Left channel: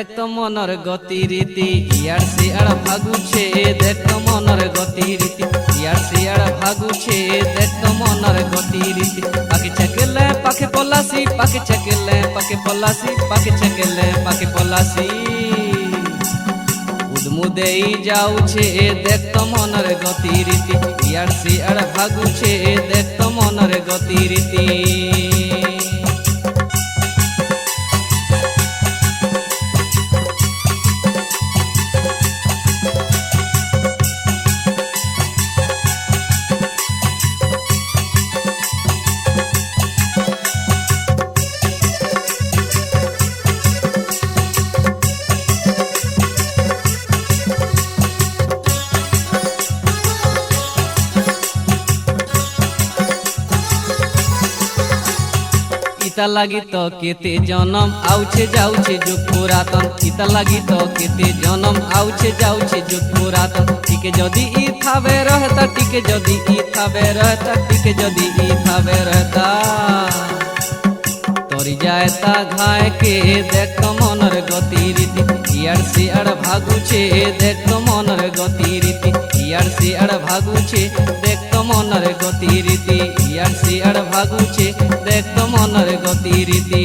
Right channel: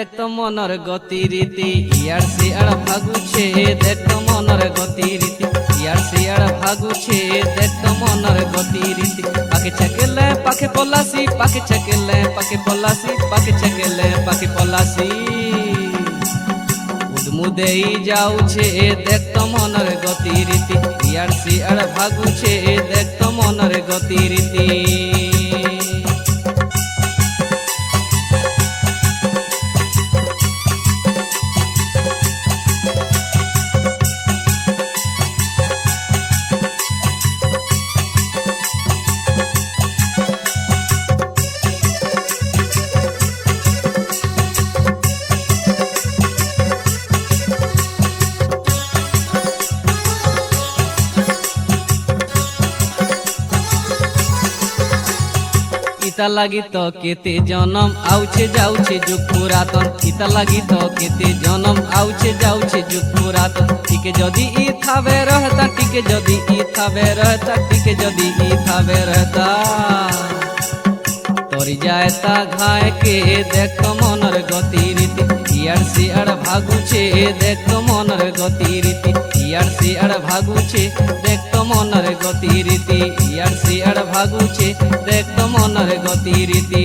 দেখ মনের গতিরীতি ইয়ার শিয়ার ভাগুছে দেখ মনের গতিরীতি ইয়ার শিয়ার ভাগুছে দেখ মনের গতিরীতি পাকে চাকেলে পাকে পলাশি পাকে চাকেলে পাকে পলাশি পাকে চাকেলে পাকে পলাশি উদমুদেই যাউছে দেখ মনের গতিরীতি ইয়ার শিয়ার ভাগুছে দেখ মনের গতিরীতি ইতা লাগি তো কেতে জনম আউছে যাউছে যুগ পুরাতন ইতা লাগি তো কেতে জনম আউছে যাউছে যুগ পুরাতন টিকে যদি ই থাবে রহতা টিকে যদি ই থাবে রহতা টিকে যদি ই থাবে রহতা তরি যায় তা ঘায় কে দেখ মনের গতিরীতি ইয়ার শিয়ার ভাগুছে দেখ মনের গতিরীতি ইয়ার শিয়ার ভাগুছে দেখ মনের গতিরীতি ইয়ার শিয়ার ভাগুছে দেখ মনের গতিরীতি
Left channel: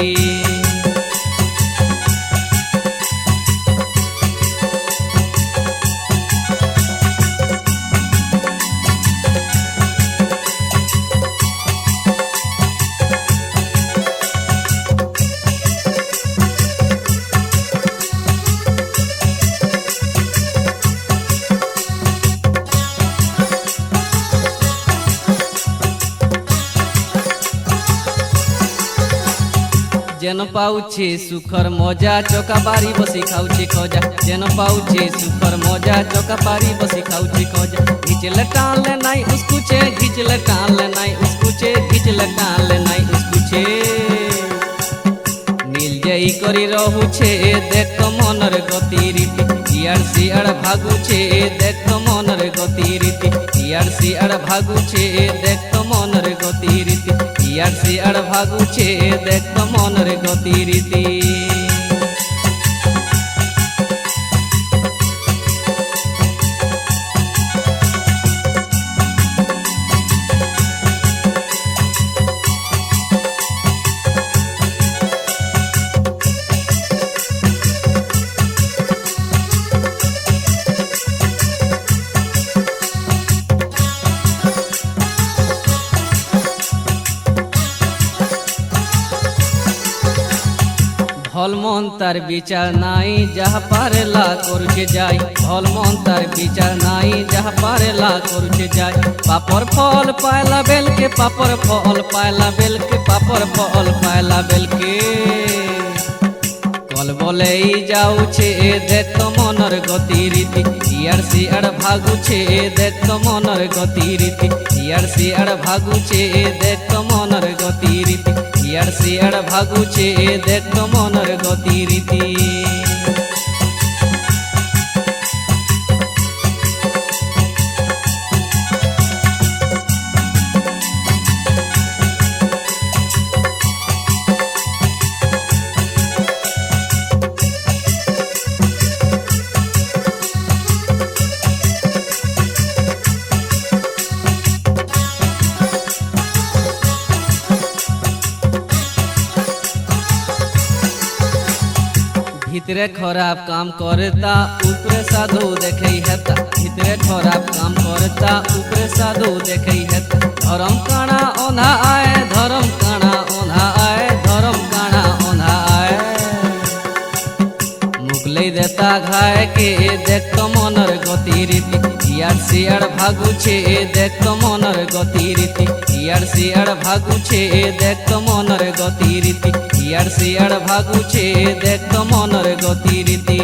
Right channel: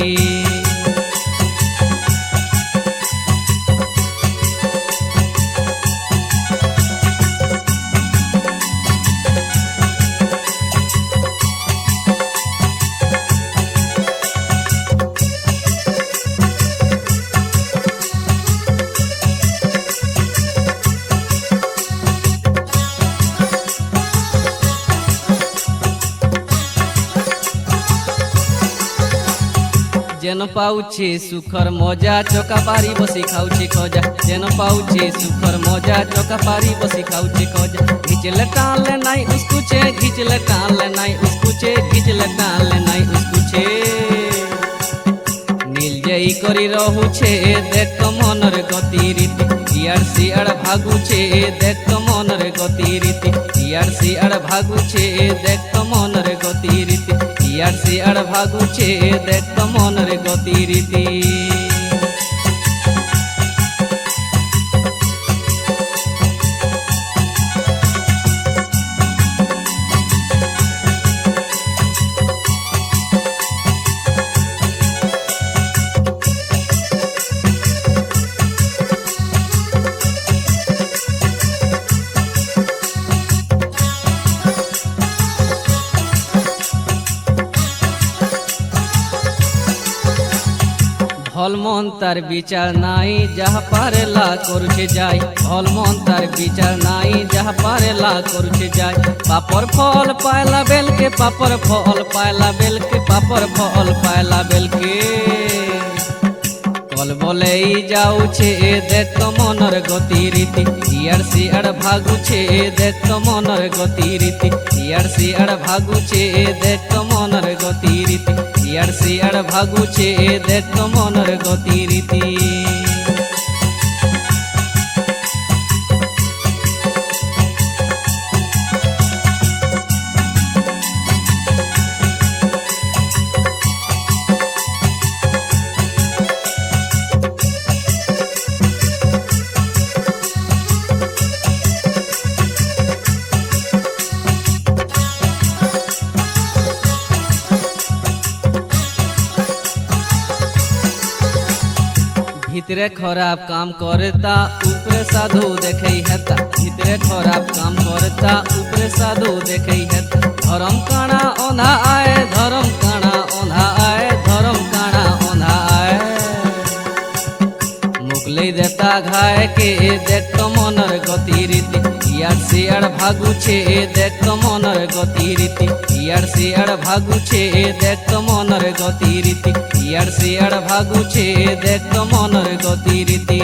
যেন পাউছে সুখর মজা চকা পারি বসে খাউছে খজা যেন পাউছে সুখর মজা চকা পারি বসে খাউছে খজা ঘিচলে টালে নাই উস্কুছে ঘিচলে টালে নাই উস্কুছে ঘিচলে টালে নাই উস্কুছে নীল যাই করি রহুছে দেখ মনের গতিরীতি ইয়ার শিয়ার ভাগুছে দেখ মনের গতিরীতি ইয়ার শিয়ার ভাগুছে দেখ মনের গতিরীতি ইয়ার শিয়ার ভাগুছে দেখ মনের গতিরীতি ভলমন তার বিচার নাই যাহা পারেলা করছে যাই ভলমন তার বিচার নাই যাহা পারেলা করছে যাই পাপর ফল পায়লা বেলকে পাপর ফল পায়লা বেলকে পাপর ফল পায়লা বেলকে কল বলেই যাউছে দেখ মনের গতিরীতি ইয়ার শিয়ার ভাগুছে দেখ মনের গতিরীতি ইয়ার শিয়ার ভাগুছে দেখ মনের গতিরীতি ইয়ার শিয়ার ভাগুছে দেখ মনের গতিরীতি ভিতরে খারাপ কাম করতা উপরে সাধু দেখেই হেতা ভিতরে খারাপ কাম করতা উপরে সাধু দেখেই হেতা ধরম কানা ওনা আয় ধরম কানা ওনা আয় ধরম কানা ওনা আয় মুগলাই দেতা ঘায় কে দেখ মনের গতিরীতি ইয়ার শিয়ার ভাগুছে দেখ মনের গতিরীতি ইয়ার শিয়ার ভাগুছে দেখ মনের গতিরীতি ইয়ার শিয়ার ভাগুছে দেখ মনের গতিরীতি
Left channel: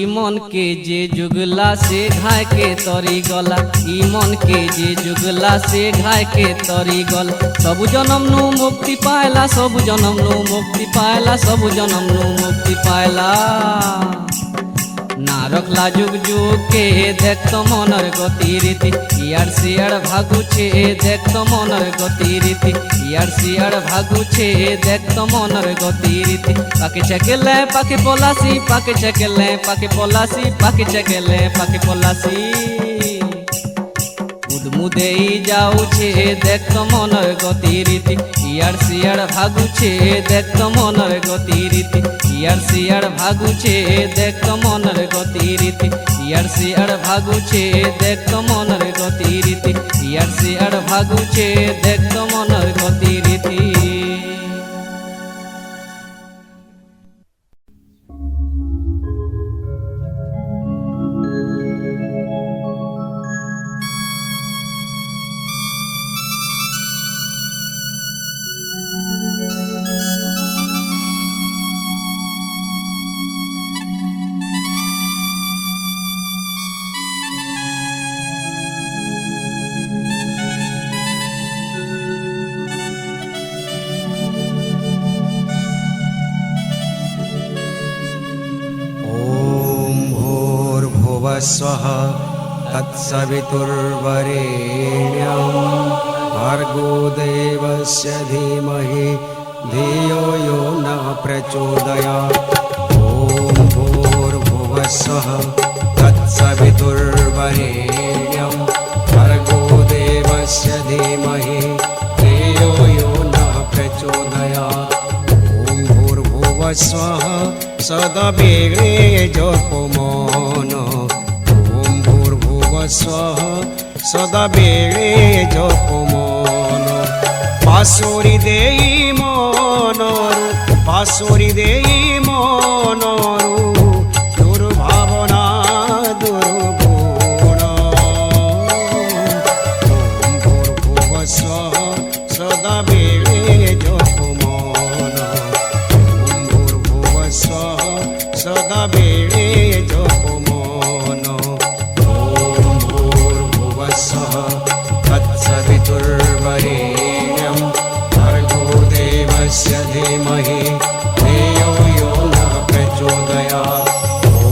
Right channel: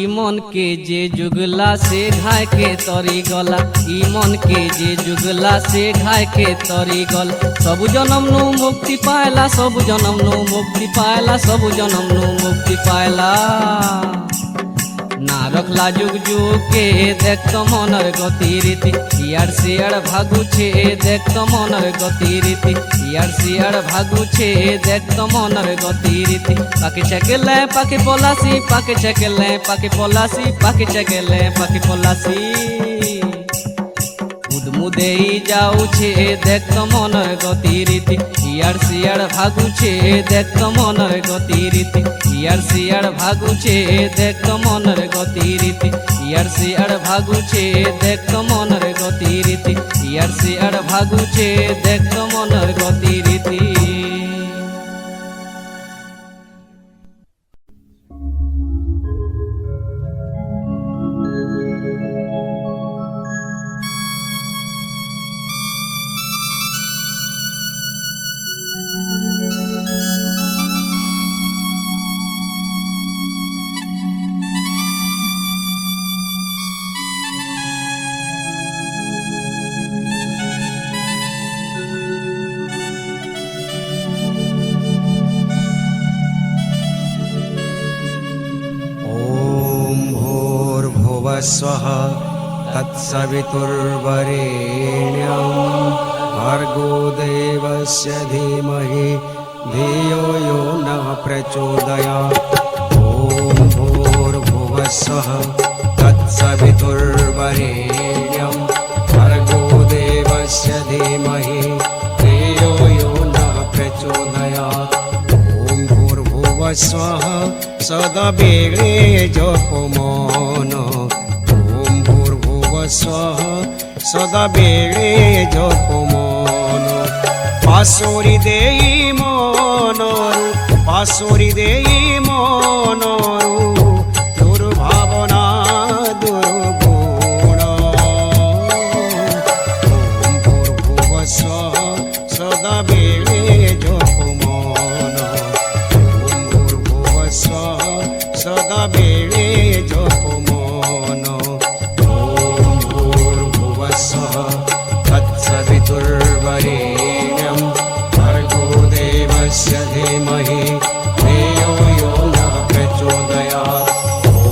ইমন কে যে যুগলা সে ঘায় কে তরি গলা ইমন কে যে যুগলা সে ঘায় কে তরি গলা সবু জনম নু মুক্তি পায়লা সবু জনম নু মুক্তি পায়লা সবু জনম নু মুক্তি পায়লা না রখলা যুগ যুগকে দেখতো মনের গতিরীতি ইয়ার শিয়ার ভাগুছে দেখতো মনের গতিরীতি ইয়ার শিয়ার ভাগুছে দেখতো মনের গতিরীতি পাখি ছেকেলে পাখি পলাশি পাখি ছেকেলে পাখি পলাশি পাখি ছেকেলে পাখি পলাশি উদমুদেই যাউছে দেখতো মনের গতিরীতি ইয়ার শিয়ার ভাগুছে দেখতো মনের গতিরীতি ইয়ার শিয়ার ভাগুছে দেখতো মনের গতিরীতি ইয়ার শিয়ার ভাগুছে দেখতো মনের গতিরীতি ইয়ার শিয়ার ভাগুছে দেখতো মনের গতিরীতি स्वः तत्सवितुर्वरेण्यं भर्गो देवस्य धीमहि धियो यो नः प्रचोदयात् ॐ भूर्भुवः स्वः तत्सवितुर्वरेण्यं भर्गो देवस्य धीमहि धियो यो नः प्रचोदयात् ॐ भूर्भुवः स्वः सदवेळे जपमन ॐ भूर्भुवः स्वः सदावेळे जपमन पासोरी देई मनरु पासोरी देई मनरु दुर्भावना दुर्गुण ॐ भूर्भुवः स्वः सदावेळे जपमन ॐ भूर्भुवः स्वः सदावेळे जपमन तत्सवितुर्वरेण्यं भर्गो देवस्य धीमहि धियो यो नः प्रचोदयात् ॐ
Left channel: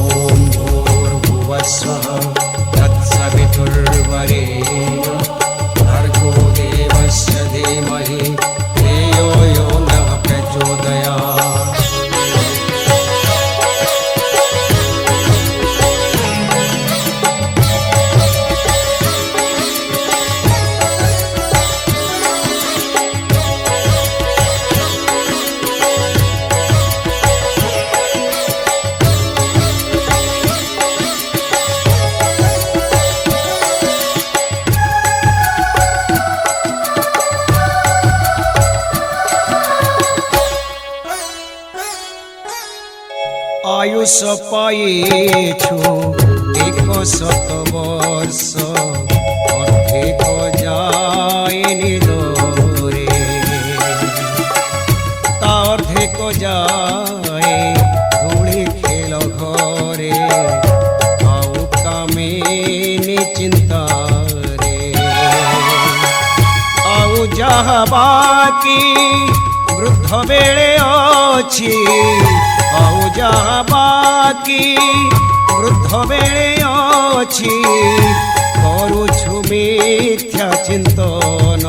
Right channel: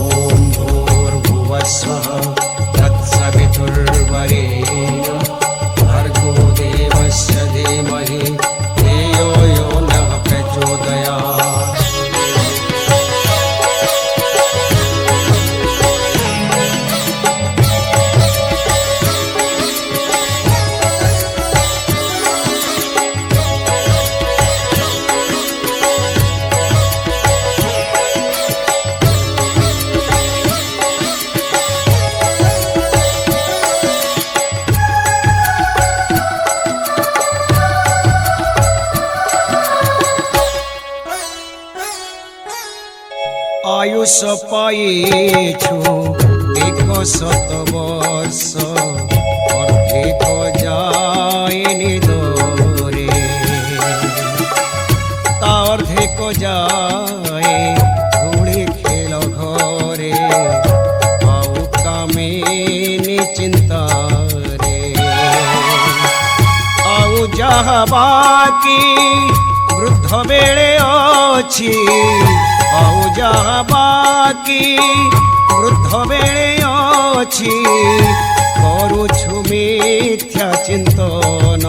भूर्भुवः स्वः तत्सवितुर्वरेण्यं भर्गो देवस्य धीमहि धियो यो नः प्रचोदयात् आयुष पाइछु 100 वर्ष अर्धेक जाएनि दरे ता अर्धेक जाए धूଳି खेल घरे आउ कामेनि चिंतारे आउ जहा बाकी वृद्ध बेले अछि आउ जहा बाकी वृद्ध बेले अछि करुछु मिथ्या चिंतन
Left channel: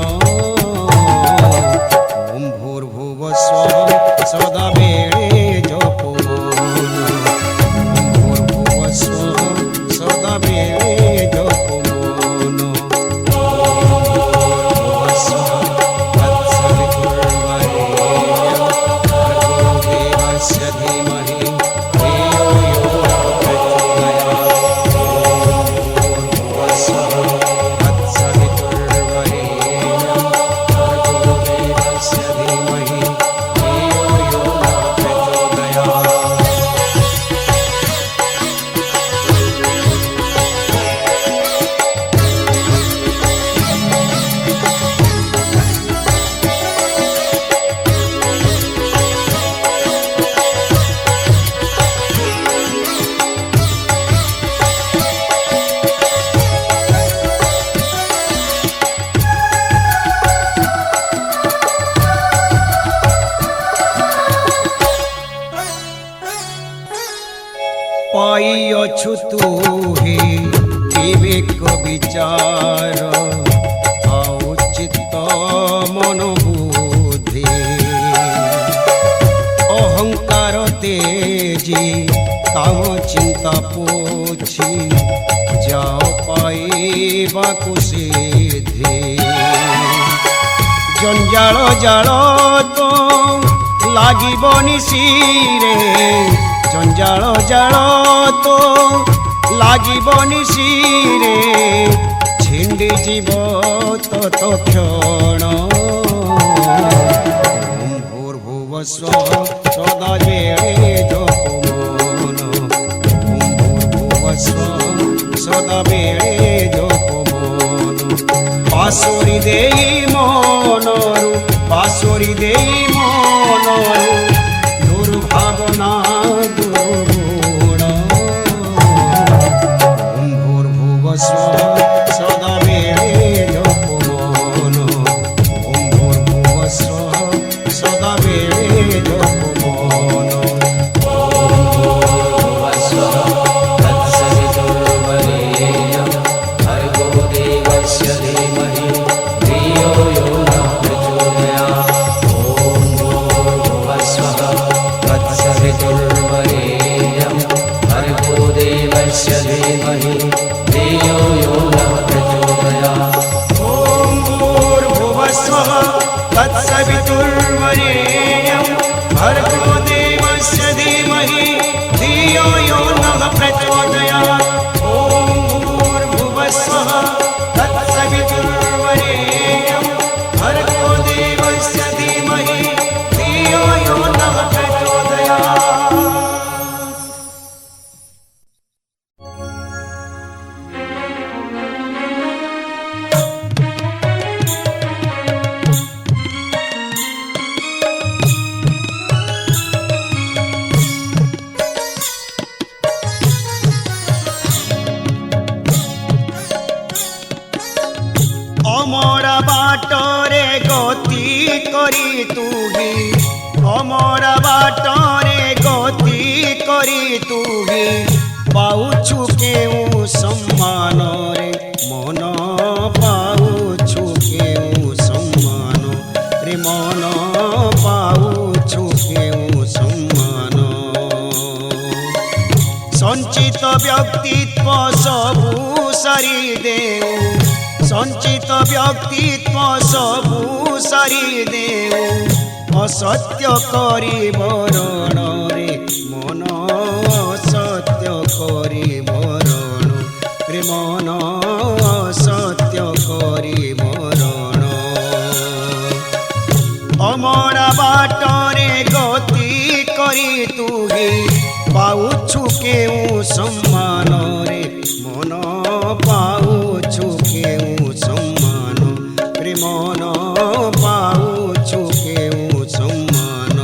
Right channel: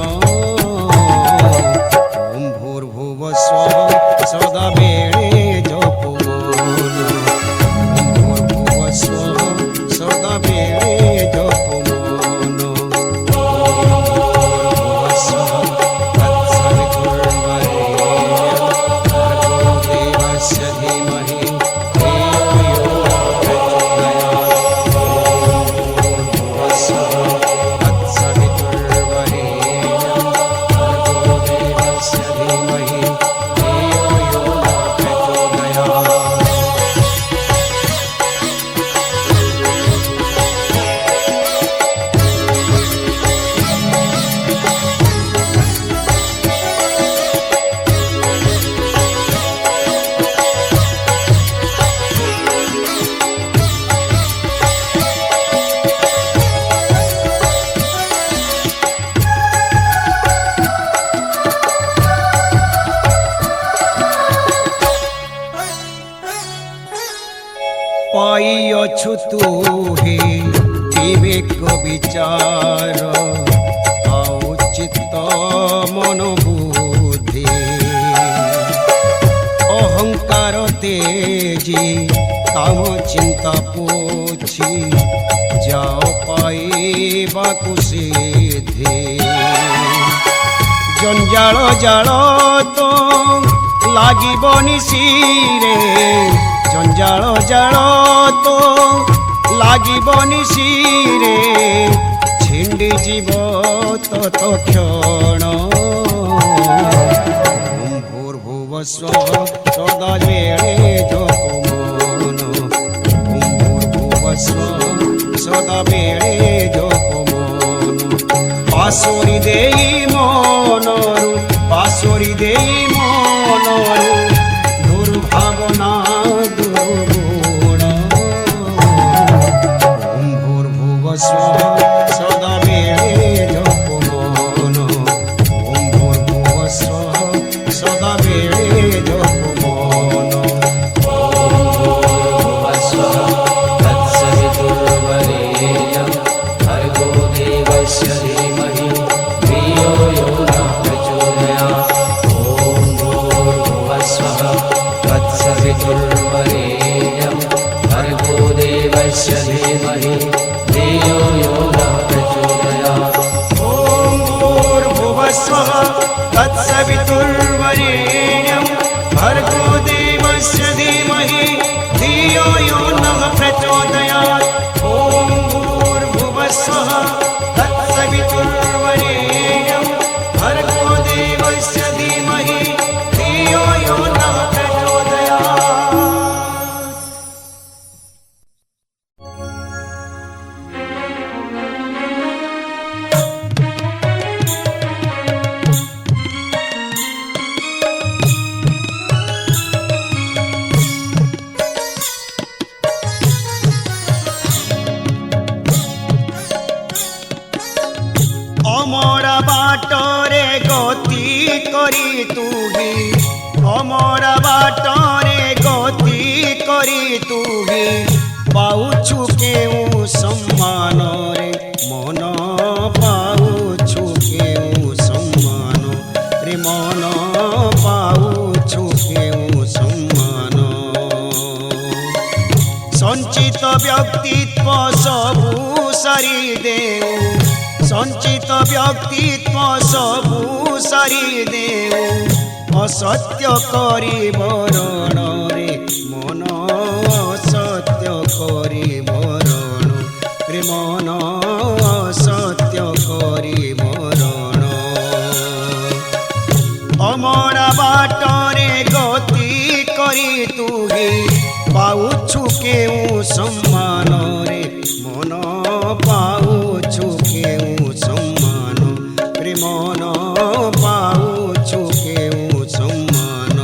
ॐ भूर्भुवः स्वः सदा बेले जपमन ॐ भूर्भुवः स्वः सदा बेले जपमन ॐ भूर्भुवः स्वः तत्सवितुर्वरेण्यं भर्गो देवस्य धीमहि धियो यो नः प्रचोदयात् ॐ भूर्भुवः स्वः तत्सवितुर्वरेण्यं भर्गो देवस्य धीमहि धियो यो नः प्रचोदयात् ପାଇଅଛୁ ତୁ ହି ବିବେକ ବିଚାର ଆଉ ଚିତ୍ତ ମନ ବୁଦ୍ଧି ଅହଙ୍କାର ତେଜି କାମ ଚିନ୍ତା ପୋଛି ଯାଅ ପାଇବାକୁ ସିଦ୍ଧି ଜଞ୍ଜାଳ ଜାଳ ତ ଲାଗିବନି ଶିରେ ଜଞ୍ଜାଳ ଜାଳ ତ ଲାଗିବନି ଶିରେ ଛିଣ୍ଡି ଯିବ ତତକ୍ଷଣ ଓଁ ଭୂର୍ଭୁବସ୍ୱ ସଦା ବେଳେ ଜପ ମନ ଓଁ ଭୂର୍ଭୁବସ୍ୱ ସଦା ବେଳେ ଜପ ମନ ପାଶୋରି ଦେଇ ମନରୁ ପାଶୋରି ଦେଇ ମନରୁ ଦୁର୍ଭାବନା ଦୁର୍ଗୁଣ ଓଁ ଭୂର୍ଭୁବସ୍ୱ ସଦା ବେଳେ ଜପ ମନ ଓଁ ଭୂର୍ଭୁବସ୍ୱ ସଦା ବେଳେ ଜପ ମନ तत्सवितुर्वरेण्यं भर्गो देवस्य धीमहि धियो यो नः प्रचोदयात् ॐ भूर्भुवस्वः तत्सवितुर्वरेण्यं भर्गो देवस्य धीमहि धियो यो नः प्रचोदयात् অমরা বাটরে গতি করি তুহি অমরা বাটরে গতি করি তুহি পাউছু কেউ সম্মানরে মন পাউছু কেউ সম্মান রে মন পাউছু কেউ সম্মান সঞ্চিত ব্যক্তিত্ব সবু সারি দেউ সঞ্চিত ব্যক্তিত্ব সবু সারি দেউ অসত্য করি বরণরে মন অসত্য করি বরণ রে মন অসত্য করি বরণ অমরা বাটরে গতি করি তুহি পাউছু কেউ সম্মানরে মন পাউছু কেউ সম্মান রে মন পাউছু কেউ সম্মান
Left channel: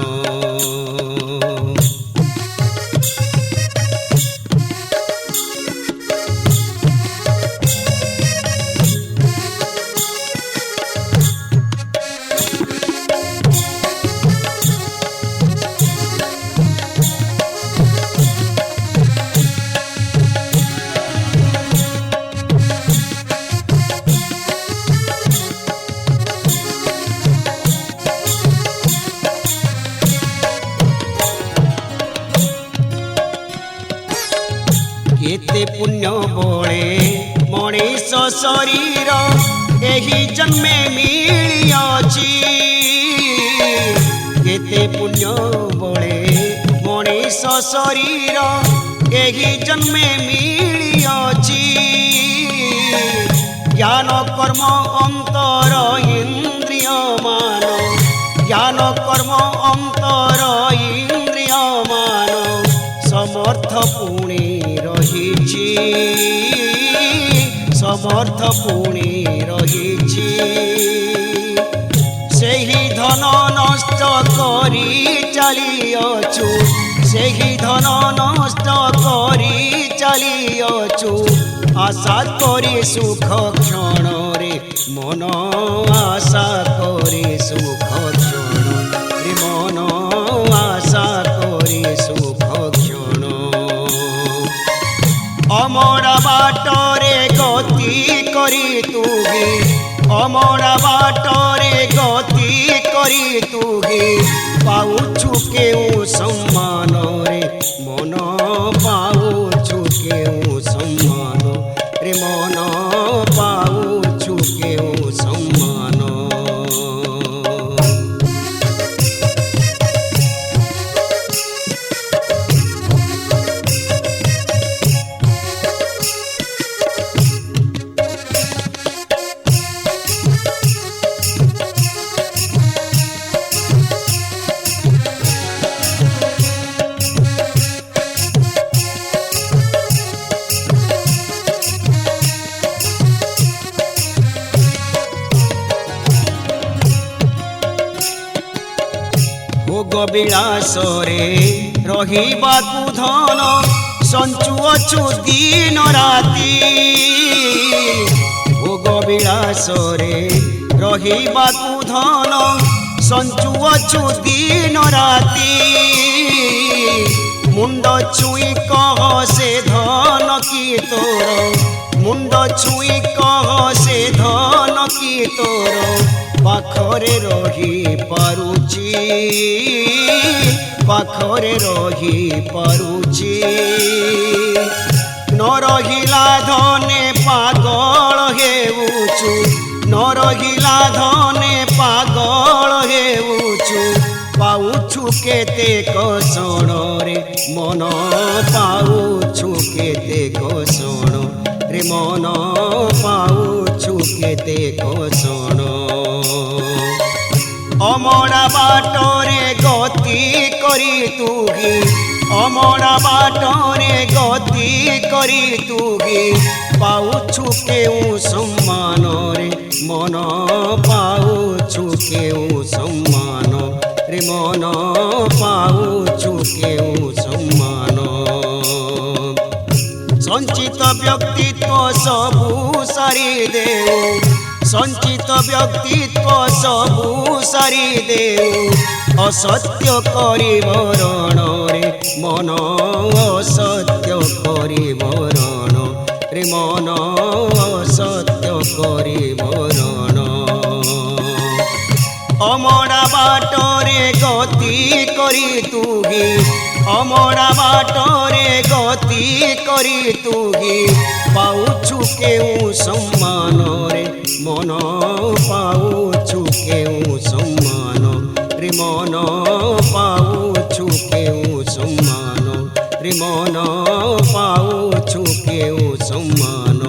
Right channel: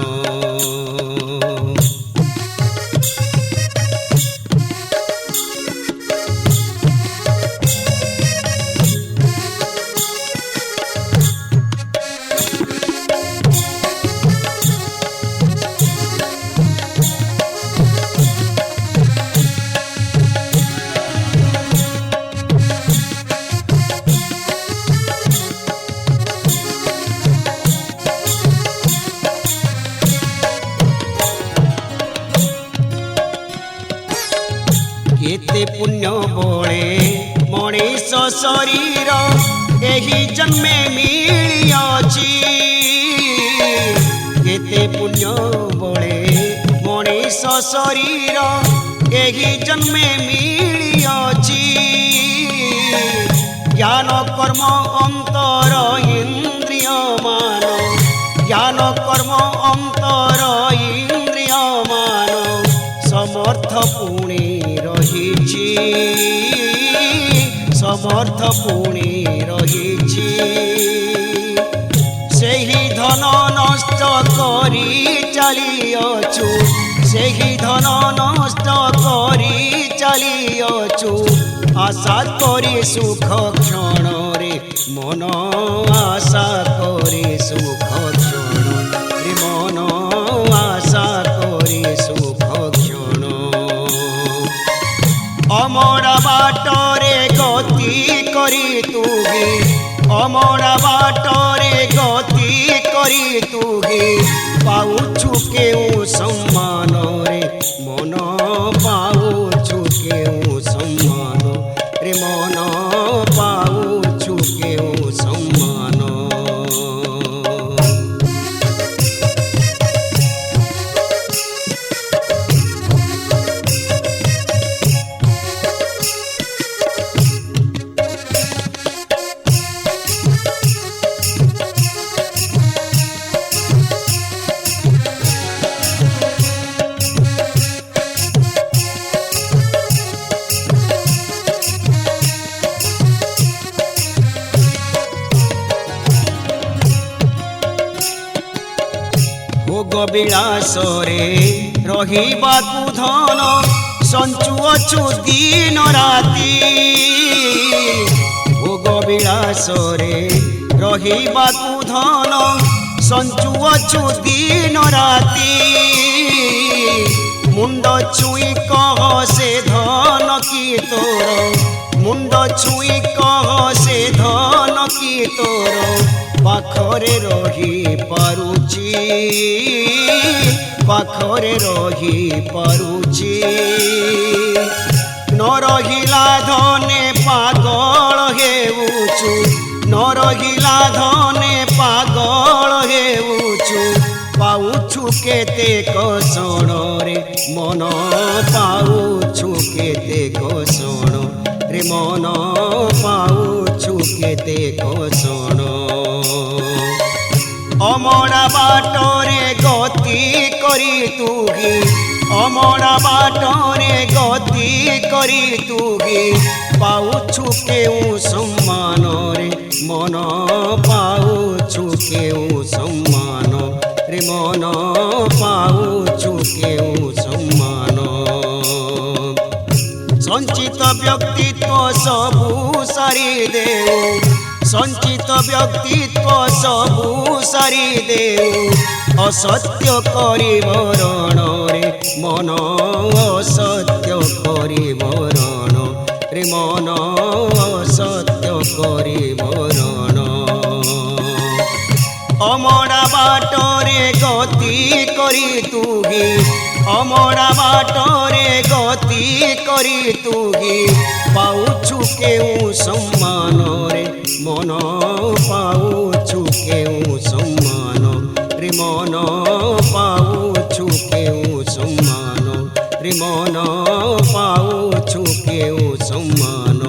केते पुण्य बोले मनीष शरीर एही जन्मे मिलियाची केते पुण्य बोले मनीष शरीर एही जन्मे मिलियाची ज्ञान कर्म अंतर इंद्रिय मान ज्ञान कर्म अंतर इंद्रिय मान समर्थ पुणी रहिछि समर्थ पुणी रहिछि सेही धन नष्ट करी चलिअछु सेही धन नष्ट करी चलिअछु आशा करी सुख क्षण रे मन आशा करी सुख क्षण रे मन आशा करी सुख क्षण বাটরে গতি করি তুহি অমরা বাটরে গতি করি তুহি পাউছু কেউ সম্মান রে মন পাউছু কেউ সম্মান রে মন পাউছু কেউ সম্মান ভোগ বিলাসরে রহিবাকু ধন সঞ্চুଅଛୁ দিন রাতি ভোগ বিলাসরে রহিবাকু ধন সঞ্চুଅଛୁ দিন রাতি মুন্ড ছুই কহ সে ধন কি তোর মুন্ড ছুই কহ সে ধন কি তোর পাখরে রহি পারুছি পাখরে রহি পারুছি ন রহিলা ধনে পাগল হেউছু ন রহিলা ধনে পাগল হেউছু পাউছু কেতে কষণ রে মন পাউছু কেতে কষণ রে মন পাউছু কেতে কষণ অমরা বাটরে গতি করি তুহি অমরা বাটরে গতি করি তুহি পাউছু কেউ সম্মান রে মন পাউছু কেউ সম্মান রে মন পাউছু কেউ সম্মান সঞ্চিত ব্যক্তিত্ব সবু সারি দেও সঞ্চিত ব্যক্তিত্ব সবু সারি দেও অসত্য করিব রণরে মন অসত্য করিব রণ রে মন অসত্য করিব রণ অমরা বাটরে গতি করি তুহি অমরা বাটরে গতি করি তুহি পাউছু কেউ সম্মান রে মন পাউছু কেউ সম্মান রে মন পাউছু কেউ সম্মান রে মন পাউছু কেউ সম্মান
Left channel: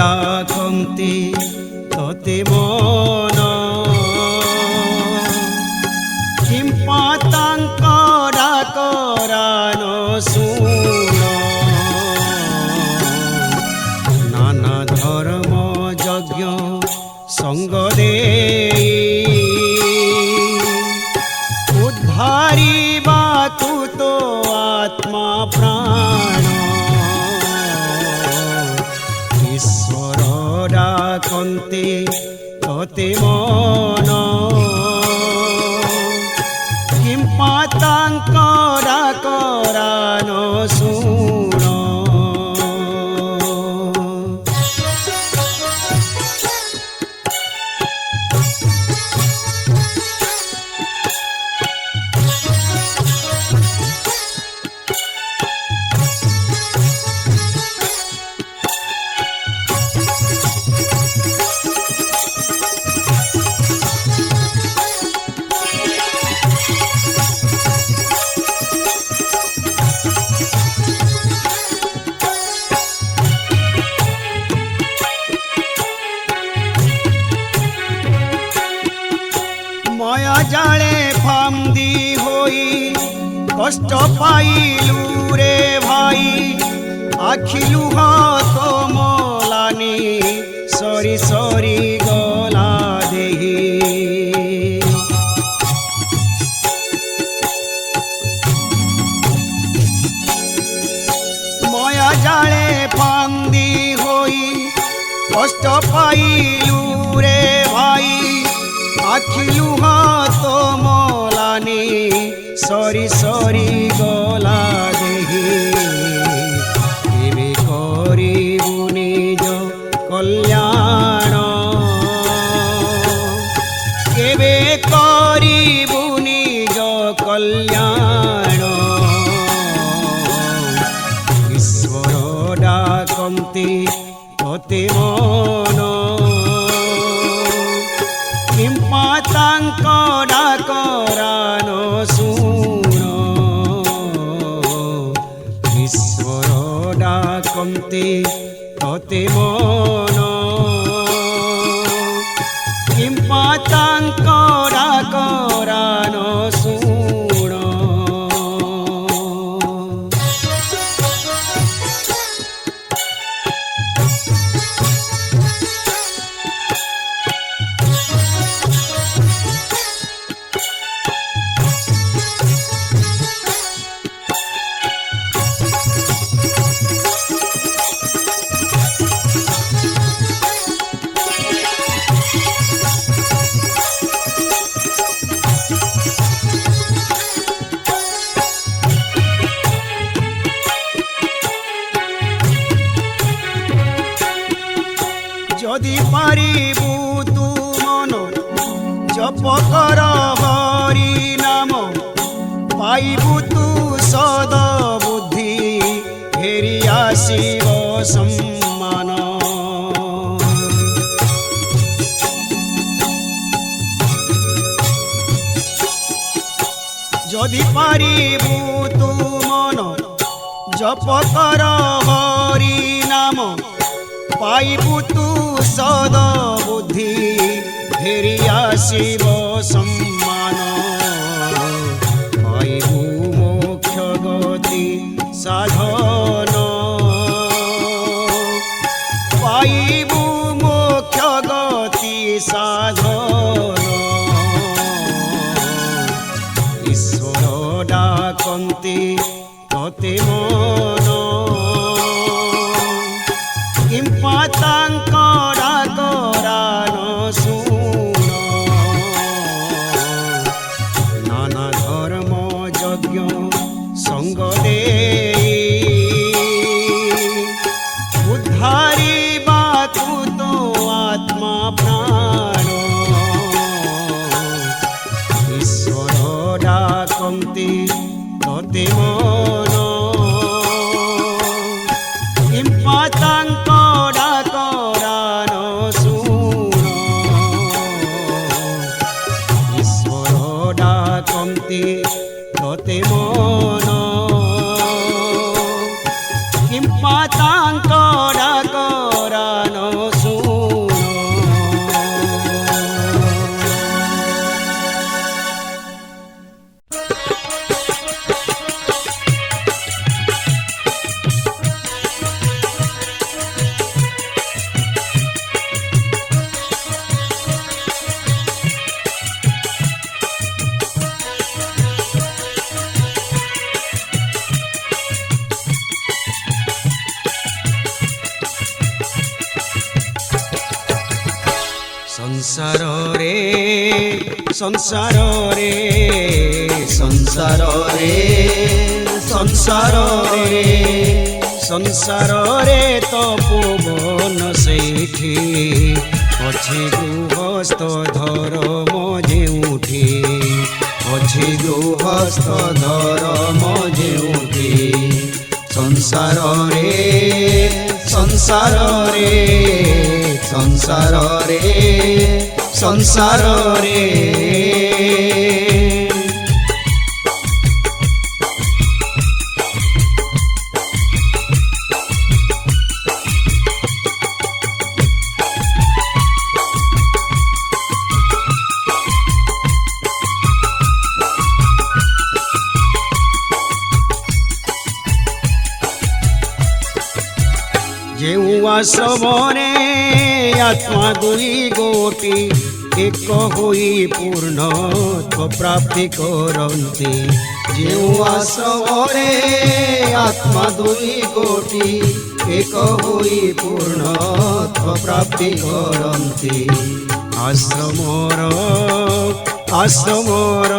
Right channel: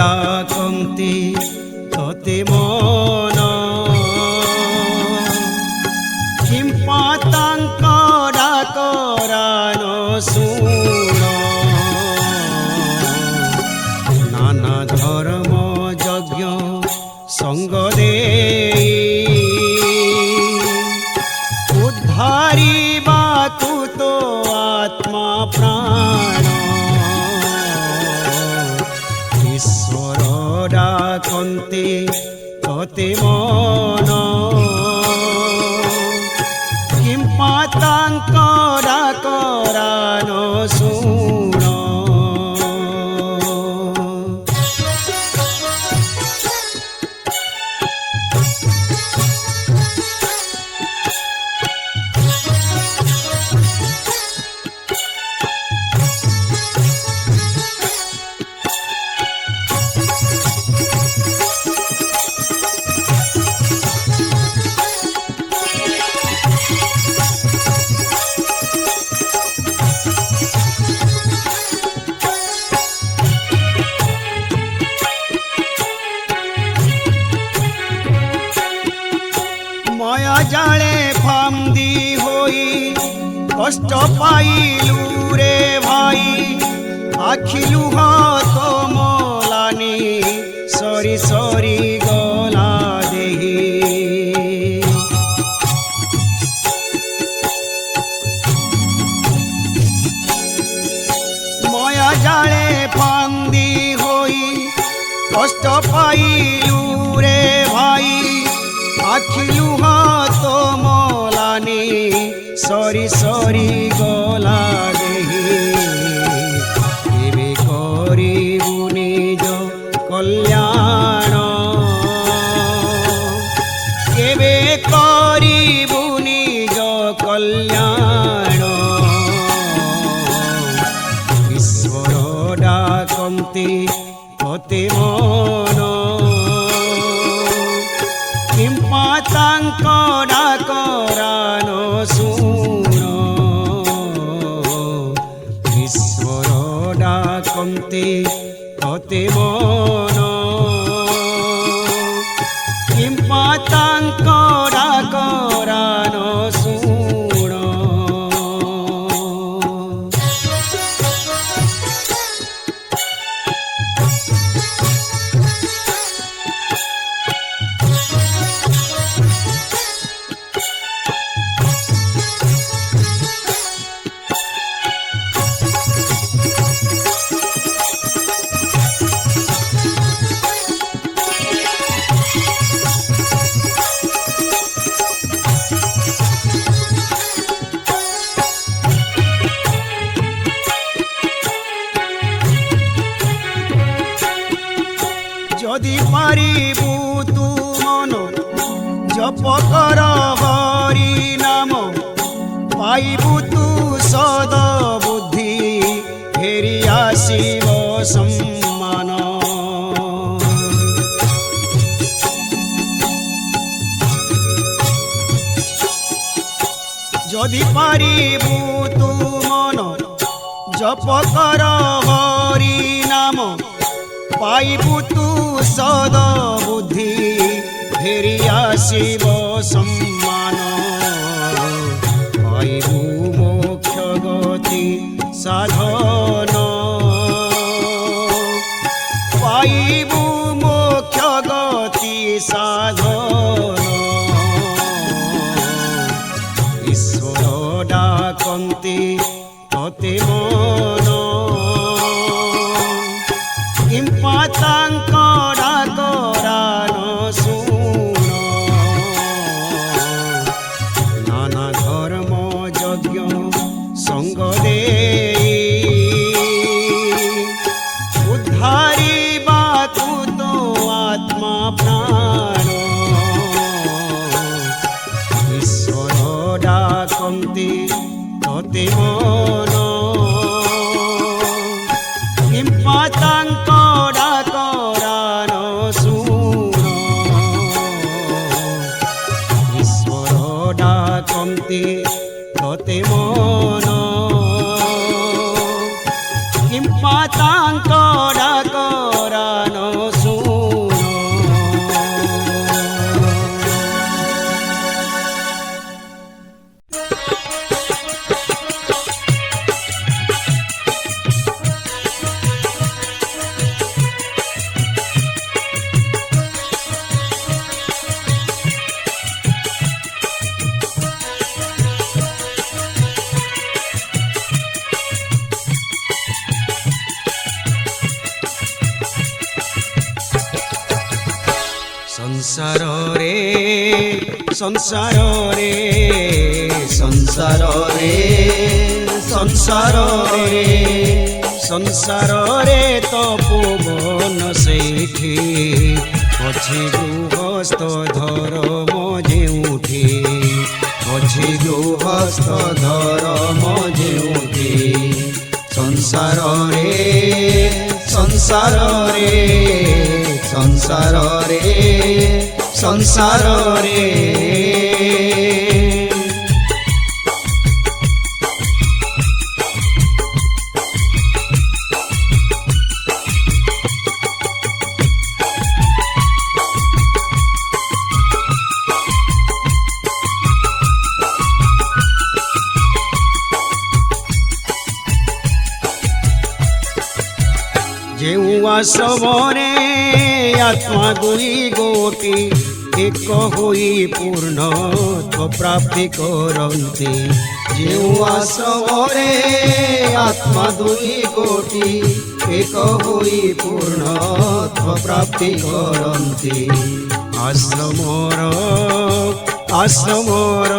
ডাকন্তি তোতে মন কিম্পা তাঙ্ক ডাকরান শুণ নানা ধর্ম যজ্ঞ সঙ্গ দেই উদ্ধারিবাকু তো আত্মা প্রাণ ঈশ্বর ডাকন্তি তোতে মন কিম্পা তাঙ্ক ডাকরান শুণ মায়া জালে ফান্দি হই কষ্ট পাইলু রে ভাই আখি লুহ তোমলানি সরি সরি গলা দেহি মায়া জালে ফান্দি হই কষ্ট পাইলু রে ভাই আখি লুহ তোমলানি সরি সরি গলা দেহি কেবে করিবু নিজ কল্যাণ কেবে করিবু নিজ কল্যাণ ঈশ্বর ডাকন্তি অতি মন কিম্পা তাঙ্ক ডাকরান শুণ ঈশ্বর ডাকন্তি অতি মন কিম্পা তাঙ্ক ডাকরান শুণ যদি পারিবু তু মন জপ কর হরি নাম পাইবু তু সদ বুদ্ধি ফেরি আসিব সম্মান যদি পারিবু তু মন জপ কর হরি নাম পাইবু তু সদ বুদ্ধি ফেরি আসিব সম্মান পাইবু মোক্ষ গতি সাধন পাইবু মোক্ষ গতি সাধন ঈশ্বর ডাকন্তি ততে মন কিম্পা তাঙ্ক ডাকরান শুণ নানা ধর্ম যজ্ঞ সঙ্গ দেই উদ্ধারিবাকু তো আত্মা প্রাণ ঈশ্বর ডাকন্তি ততে মন কিম্পা তাঙ্ক ডাকরান শুণ ঈশ্বর ডাকন্তি ততে মন কিম্পা তাঙ্ক ডাকরান শুণ संसार रे संसार रे संसार रे संसार रे संसार रे तपोवन सेठी अछि गृहस्थ धर्म जेउठी अछि गृहस्थ धर्म जेउठी संसार रे संसार रे संसार रे संसार रे ଯେଉଁ ଆଶ୍ରମରେ ଆତ୍ମା ଦୁଇ ଗୋଟି ଏକ ହୋଇ ପୂର୍ଣ୍ଣତ୍ୱ ପ୍ରାପ୍ତି କରନ୍ତି। ଯେଉଁ ଆଶ୍ରମରେ ଆତ୍ମା ଦୁଇ ଗୋଟି ଏକ ହୋଇ ପୂର୍ଣ୍ଣତ୍ୱ ପ୍ରାପ୍ତି କରନ୍ତି। ଆଶ୍ରମର ଆଶ୍ରମର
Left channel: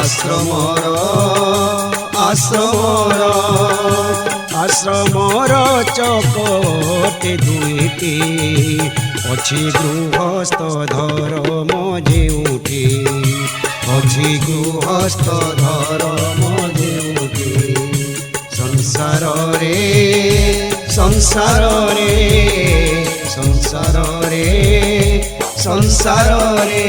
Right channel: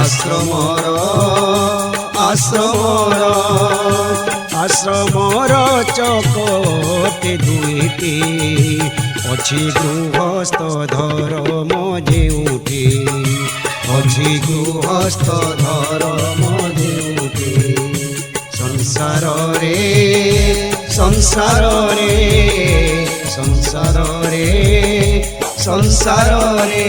ଆଶ୍ରମର ଆଶ୍ରମର ଆଶ୍ରମର ଚକଟେ ଦୁଇଟି ଅଛି ଗୃହସ୍ଥ ଧର୍ମ ଯେଉଁଠି ଅଛି ଗୃହସ୍ଥ ଧର୍ମ ଯେଉଁଠି ସଂସାରରେ ସଂସାରରେ ସଂସାରରେ ସଂସାରରେ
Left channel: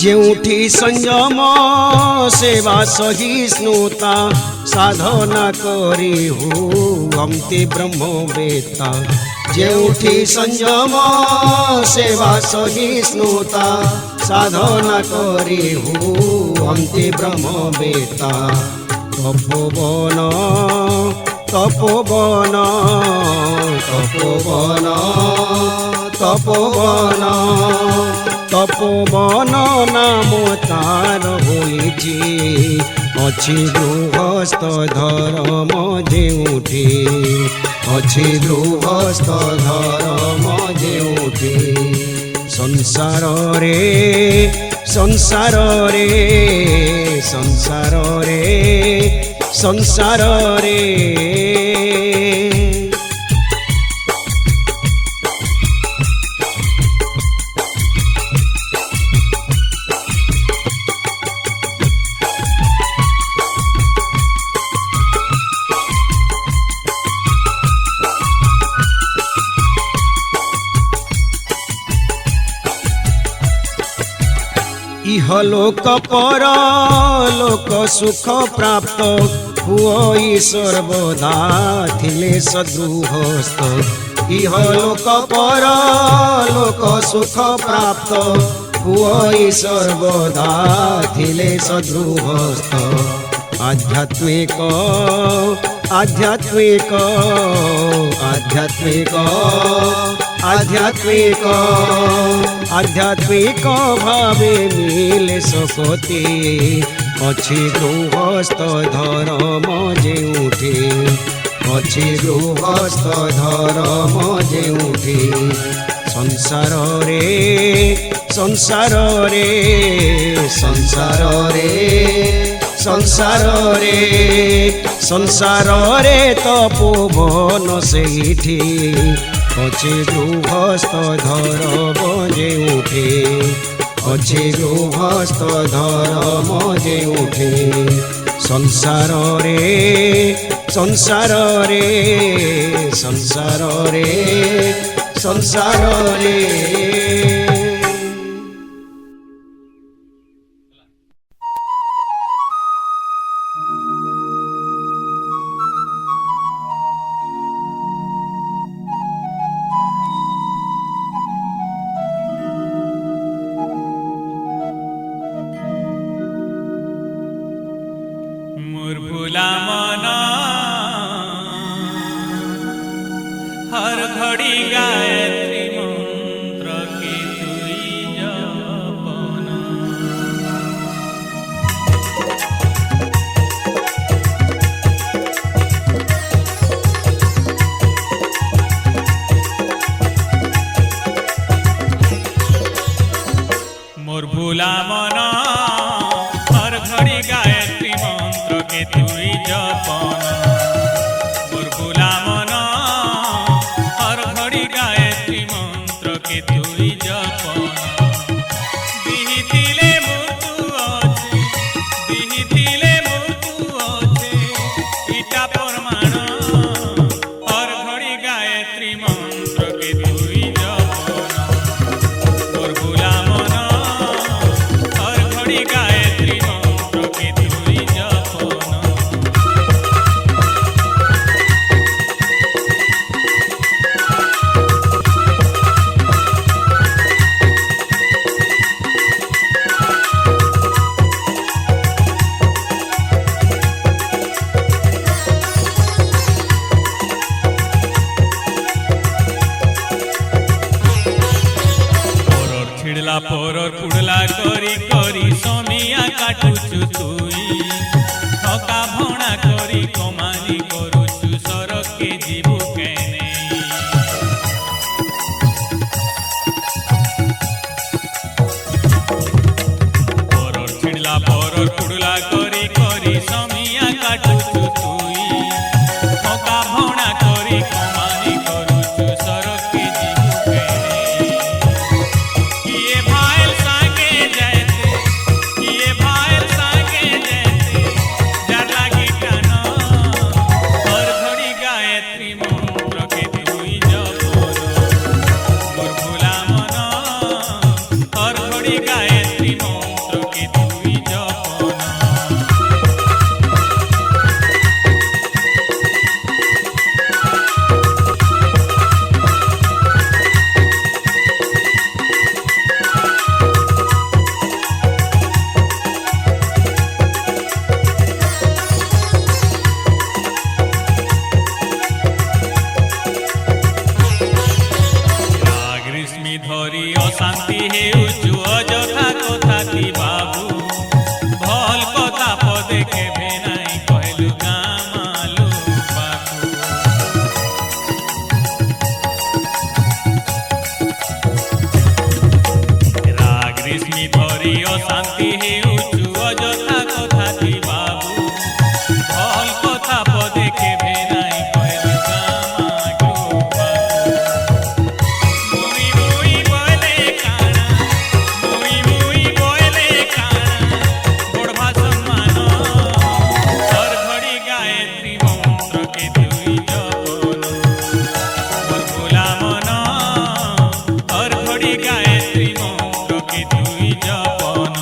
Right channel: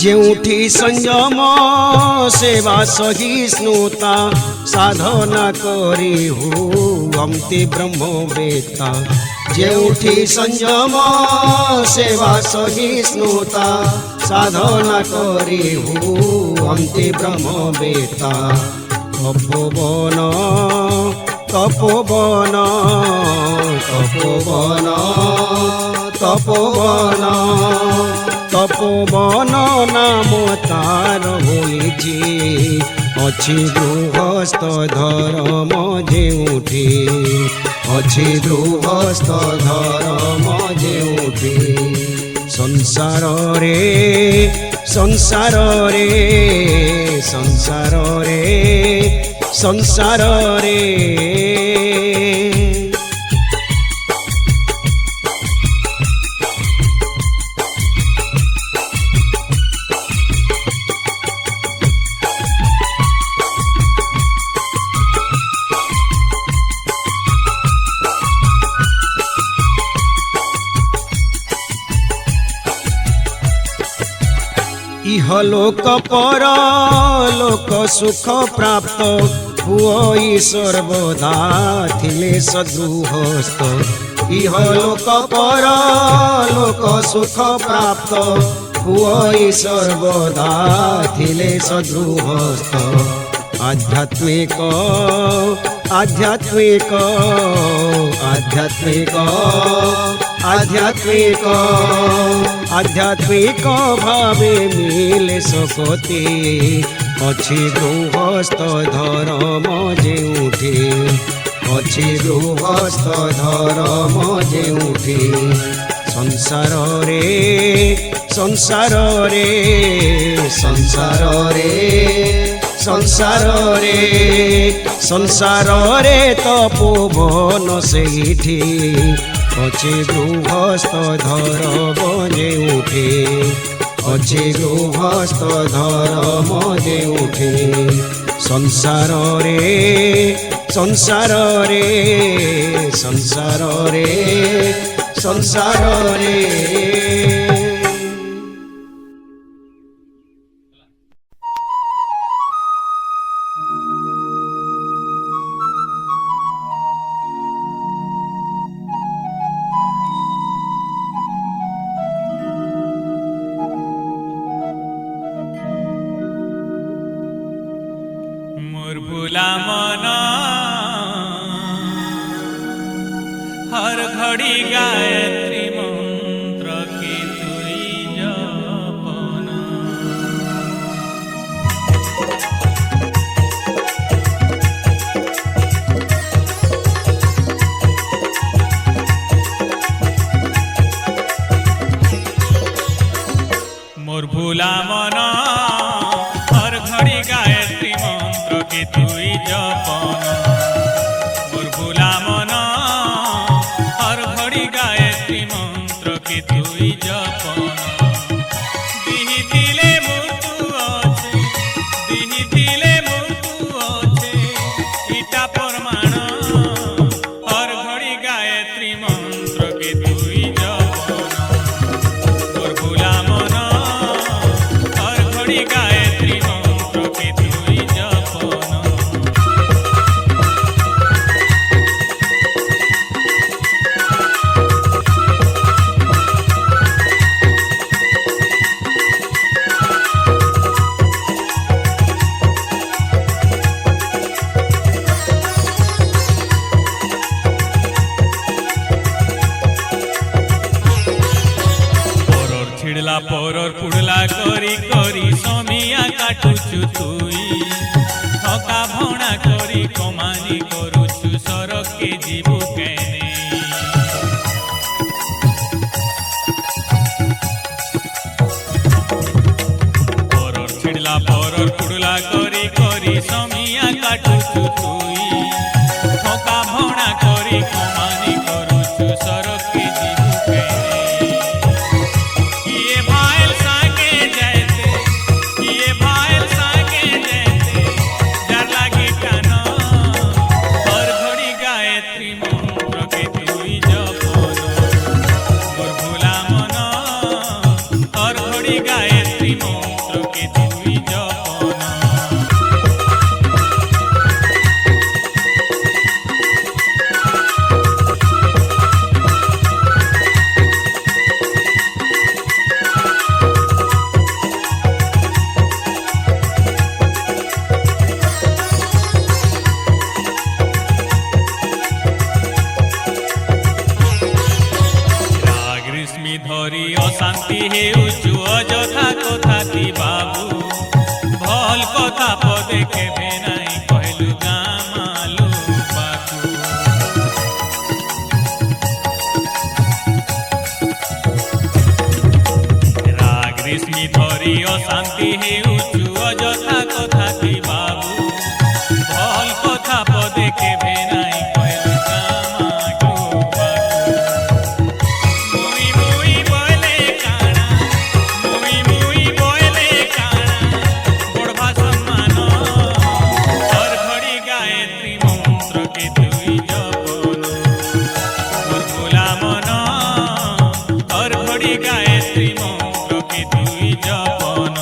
ଯେଉଁଠି ସଂଯମ ସେବା ସହିଷ୍ଣୁତା ସାଧନା କରି ହୁଅନ୍ତି ବ୍ରହ୍ମବେତ୍ତା। ଯେଉଁଠି ସଂଯମ ସେବା ସହିଷ୍ଣୁତା ସାଧନା କରି ହୁଅନ୍ତି ବ୍ରହ୍ମବେତ୍ତା। ତପୋବନ ତପୋବନ ତପୋବନ ତପୋବନ তপোবন নাম তার হয়েছে ଅଛି ଗୃହସ୍ଥ ଧର୍ମ ଯେଉଁଠି ଅଛି ଗୃହସ୍ଥ ଧର୍ମ ଯେଉଁଠି ସଂସାରରେ ସଂସାରରେ ସଂସାରରେ ସଂସାରରେ ইহলোক পরলোক সুখ প্রাপ্ত হুই সর্বদা থিলে সদৃহস্থ। ইহলোক পরলোক সুখ প্রাপ্ত হুই সর্বদা থিলে সদৃহস্থ। আধ্যাত্মিক আধ্যাত্মিক আধ্যাত্মিক আধ্যাত্মিক আধ্যাত্মিক ভাবে মিলে সকতে ଅଛି ଗୃହସ୍ଥ ଧର୍ମ ଯେଉଁଠି ଅଛି ଗୃହସ୍ଥ ଧର୍ମ ଯେଉଁଠି ସଂସାରରେ ସଂସାରରେ ସଂସାରରେ ସଂସାରରେ ସଂସାରରେ ତପୋବନ ସେଇଠି ଅଛି ଗୃହସ୍ଥ ଧର୍ମ ଯେଉଁଠି ଅଛି ଗୃହସ୍ଥ ଧର୍ମ ଯେଉଁଠି ସଂସାରରେ ସଂସାରରେ ସଂସାରରେ ସଂସାରରେ मोर भूला मन हर घड़ी गायत्री मंत्र की तुई जपन मोर भूला मन हर घड़ी गायत्री मंत्र के तुई जपन मोर भूला मन हर घड़ी गायत्री मंत्र के तुई जपन दिहिथिले मृत्यु अच्छे दिहिथिले मृत्यु अच्छे इटा प्रमाण हर घड़ी गायत्री मंत्र के तुई जपन मोर भूला मन छिड़ला परर पुड़ला करी करी समिया काटुचु तुई ठका भणा करी कमानी करुचु सरके जीवु केने परर पुड़ला करी करी समिया काटुचु तुई ठका भणा करी कमानी करुचु सरके जीवु केने किए भाईल सागे जाते किए भाईल सागे जाते जार लागी टान हर घड़ी गायत्री मंत्र के तुई जपन मोर भुला मन हर घड़ी गायत्री मंत्र के तुई जपन ग्रीष्मी धरी अशांति हेउचु अजथा कथाती बाबू भल कथा पदे केभे नाई कहलु गामालु बाकू ग्रीष्मी धरी अशांति हेउचु अजथा कथाती बाबू भल कथा पदे केभे नाई कहलु गामालु गायत्री मंत्र के तुई जपन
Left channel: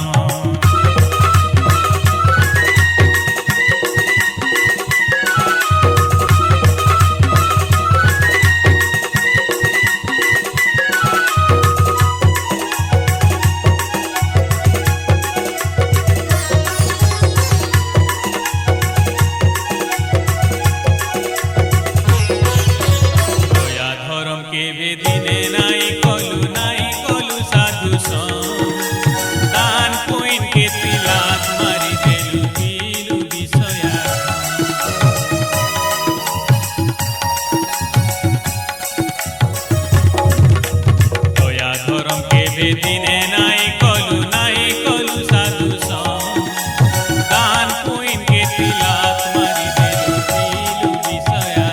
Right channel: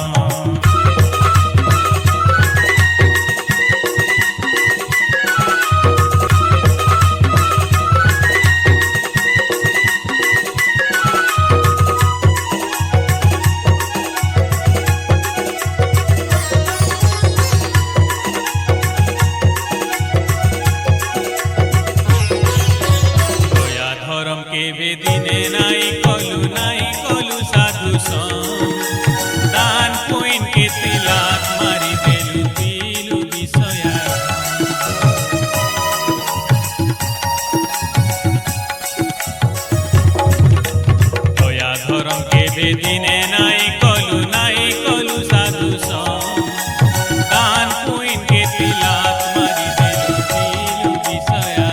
धर्म के दिने नाई कलु साधु दान पुइन के तिलाक मारी देलु पीलु विषया दया धर्म के दिने नाई कलु साधु दान पुइन के तिलाक मारी देलु पीलु विषया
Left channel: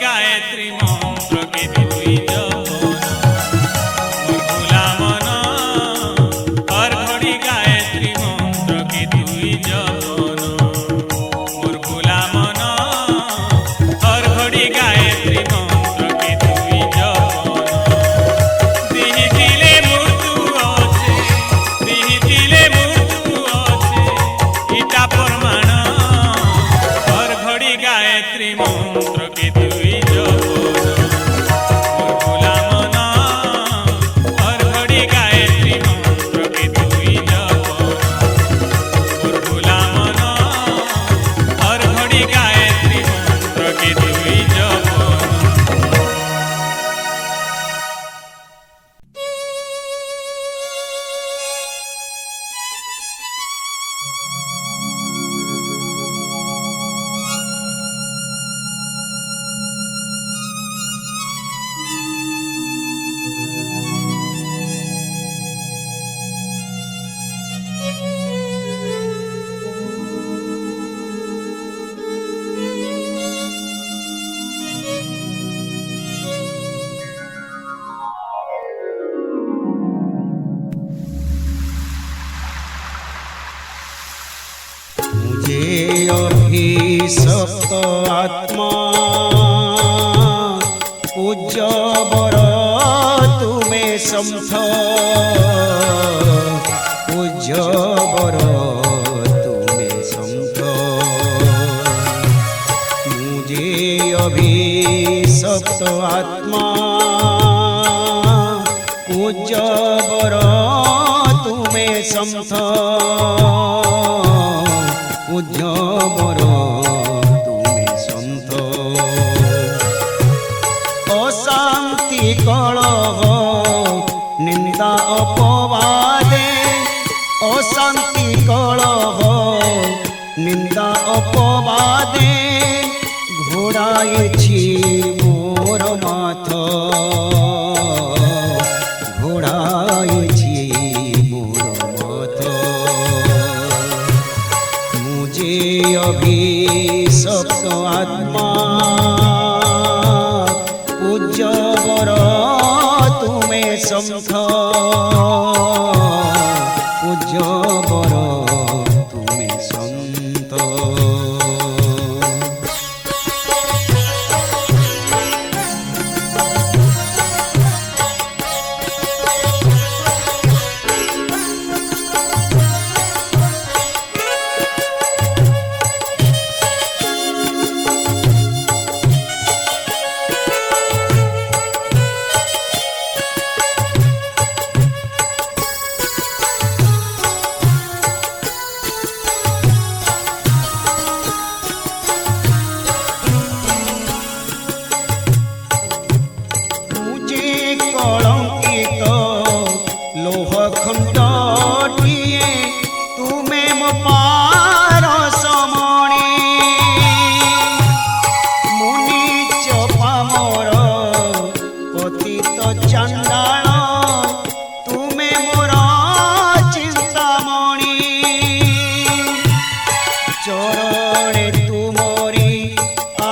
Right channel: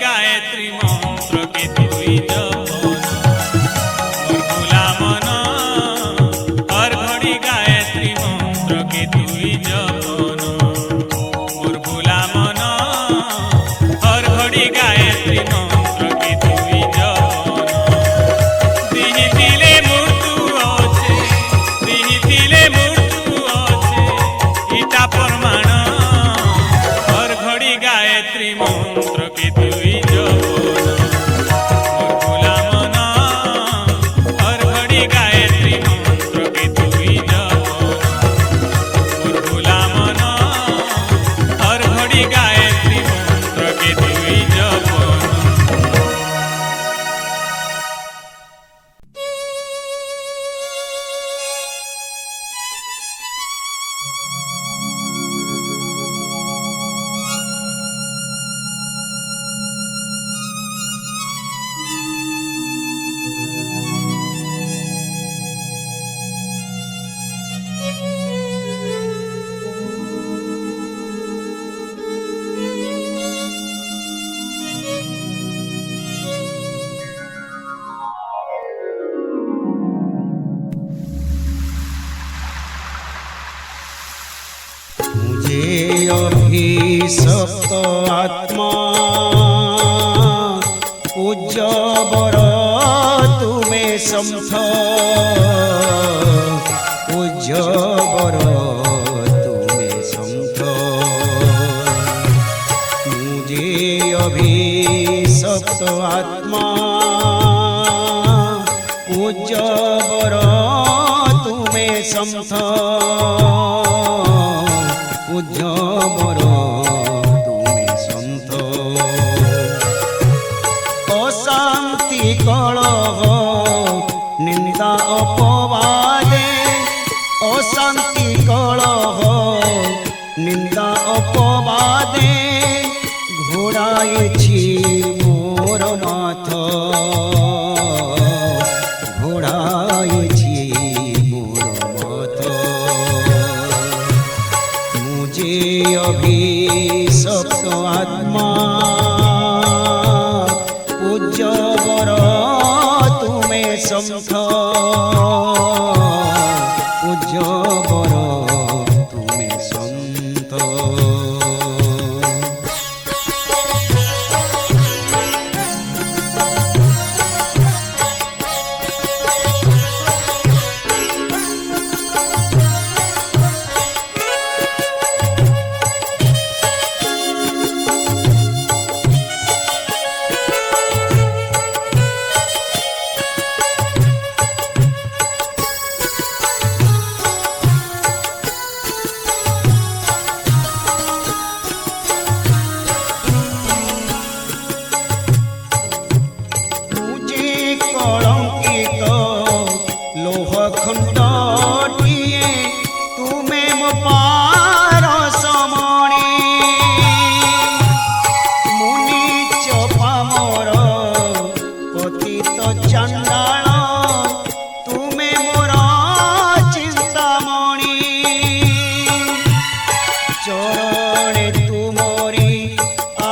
गायत्री मंत्र के तुई जपन मोर भुला मन हर घड़ी गायत्री मंत्र के तुई जपन मोर भुला मन हर घड़ी गायत्री मंत्र के तुई जपन दिही दिले मृत्यु अच्छे इटा प्रमाण हर घड़ी गायत्री मंत्र के तुई जपन मोर भुला मन हर घड़ी गायत्री मंत्र के तुई जपन मोर भुला मन हर घड़ी गायत्री मंत्र के तुई जपन मुझे अभिशप्त आत्मा पूज्य बर तुमे समथ पूज्य बर तुमे समथ मुझे अभिशप्त आत्मा पूज्य बर तुमे समथ পূজ্য বর তুমি সন্ত অশান্তি কলহ নিন্দা অপবাদে অশান্তি কলহ নিন্দা অপবাদে ঘোড়াইছি মোর মাথ ঘোড়াইছি মোর মাথ মুঝে অভিশপ্ত আত্মা পূজ্য বর তুমে সন্থ পূজ্য বর তুমে সন্ত কলঙ্কিত লোহ খণ্ডটিয়ে তুমে মো পারসমণি মুনি চপামর পতিত চণ্ডাଳ তুমে মোর চিন্তামণি চরণে তুমরি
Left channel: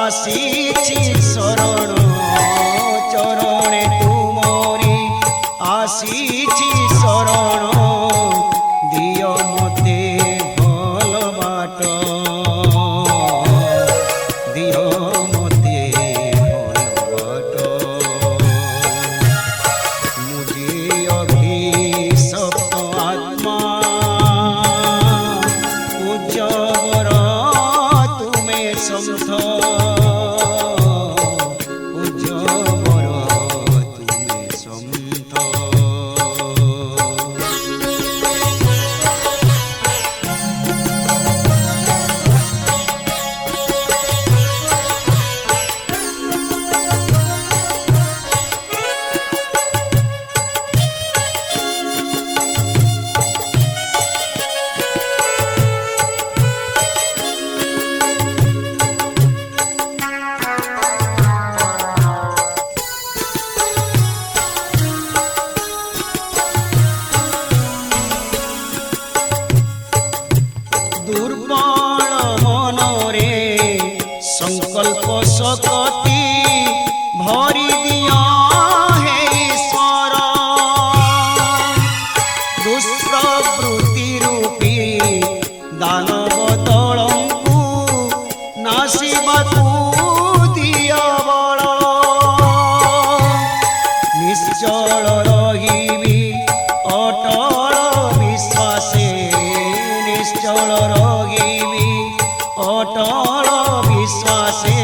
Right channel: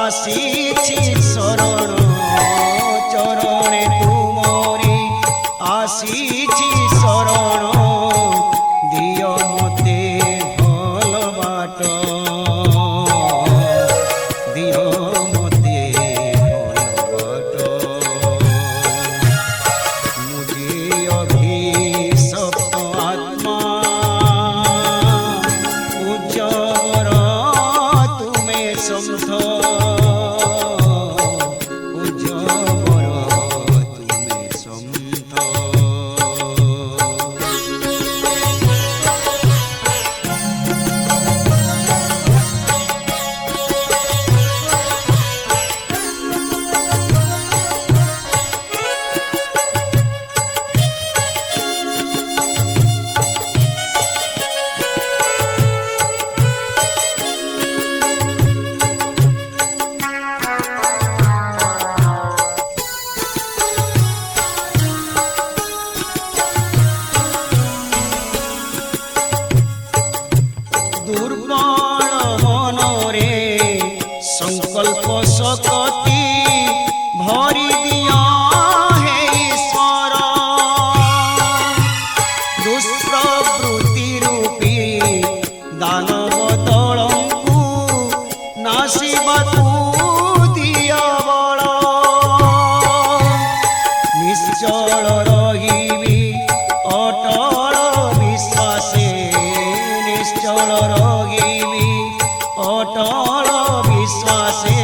আসিছি শরণ চরণে তুমরি আসিছি শরণ দিয় মতে ভাল বাট দিয় মতে ভাল বাট মুঝে অভিশপ্ত আত্মা পূজ্য বর তুমে সন্থ পূজ্য বর তুমে সন্ত দুর্বল মনরে সংকল্প শক্তি ভরি দিয় হে ঈশ্বর দুষ্প্রবৃত্তি রূপী দানব দଳଙ୍କୁ নাশিବାକୁ দিয় বଳ নিশ্চল রহিবি অটল বিশ্বাসে নিশ্চল রহিবি অটল বিশ্বাসে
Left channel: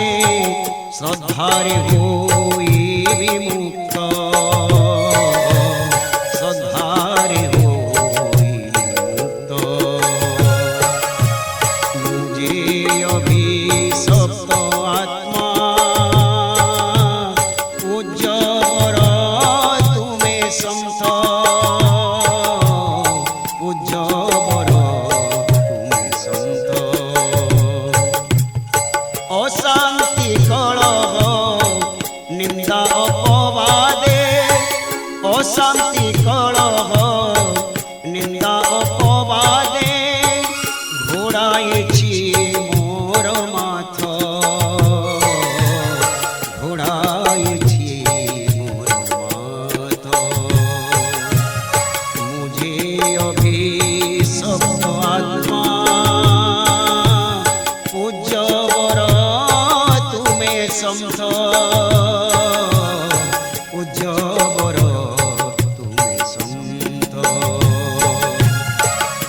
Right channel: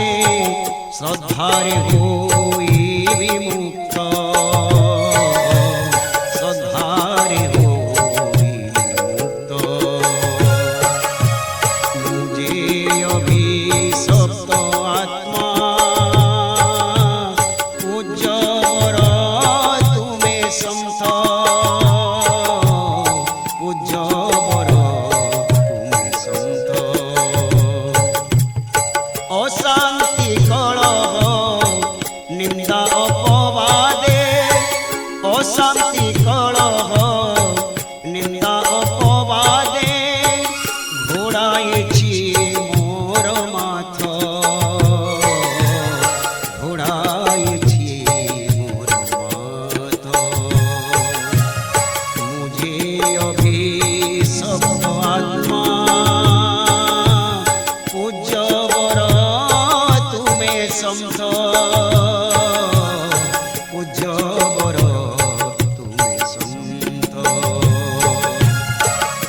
শ্রদ্ধারে হইবি মুক্ত শ্রদ্ধারে হইবি মুক্ত মুঝে অভিশপ্ত আত্মা পূজ্য বর তুমে সন্থ পূজ্য বর তুমে সন্থ অশান্তি কলহ নিন্দা অপবাদে অশান্তি কলহ নিন্দা অপবাদে ঘোড়াইছি মোর মাথ ঘোড়াইছি মোর মাথ মুঝে অভিশপ্ত আত্মা পূজ্য বর তুমে সন্থ পূজ্য বর তুমে সন্থ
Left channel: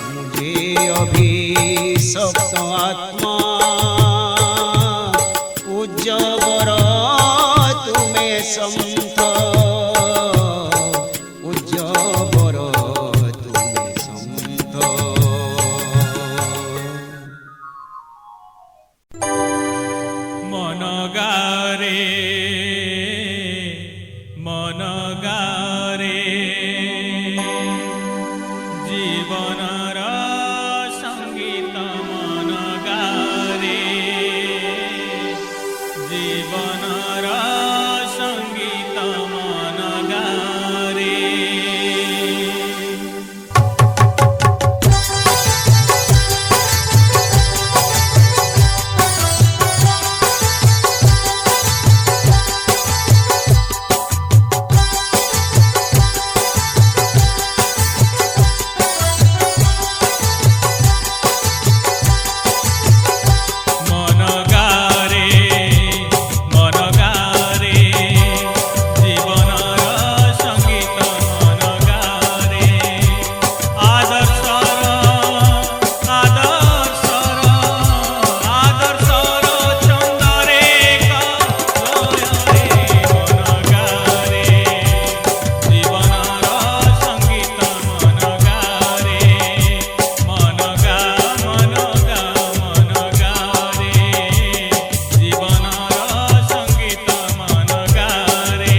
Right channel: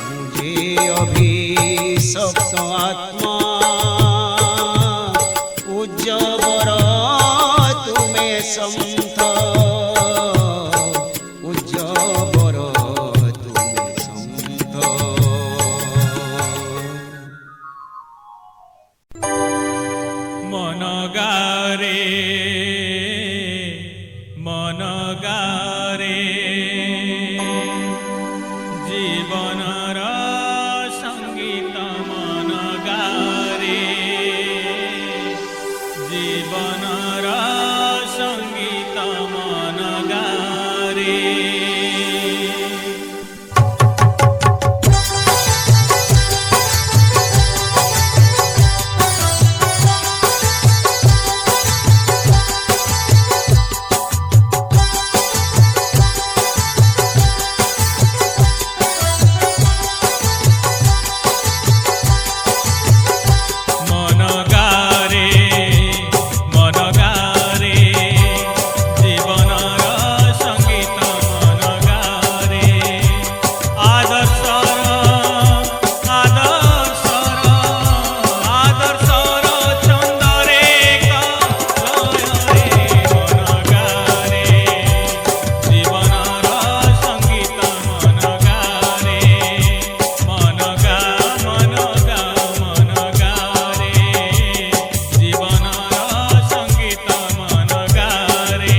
মুঝে অভিশপ্ত আত্মা পূজ্য বর তুমে সন্থ পূজ্য বর তুমে সন্থ ଗାରେ ଜୀବନର ସଙ୍ଗୀତ ମନ ଗାରେ ଜୀବନର ସଙ୍ଗୀତ ମନ ଗାରେ জীবনর সঙ্গীত মন গারে আদর্শর আদর্শর আদর্শর ছন্দরে লয়রে মন গারে জীবনর সঙ্গীত মন গারে মন গা মন গা মন গারে জীবনর সঙ্গীত মন গারে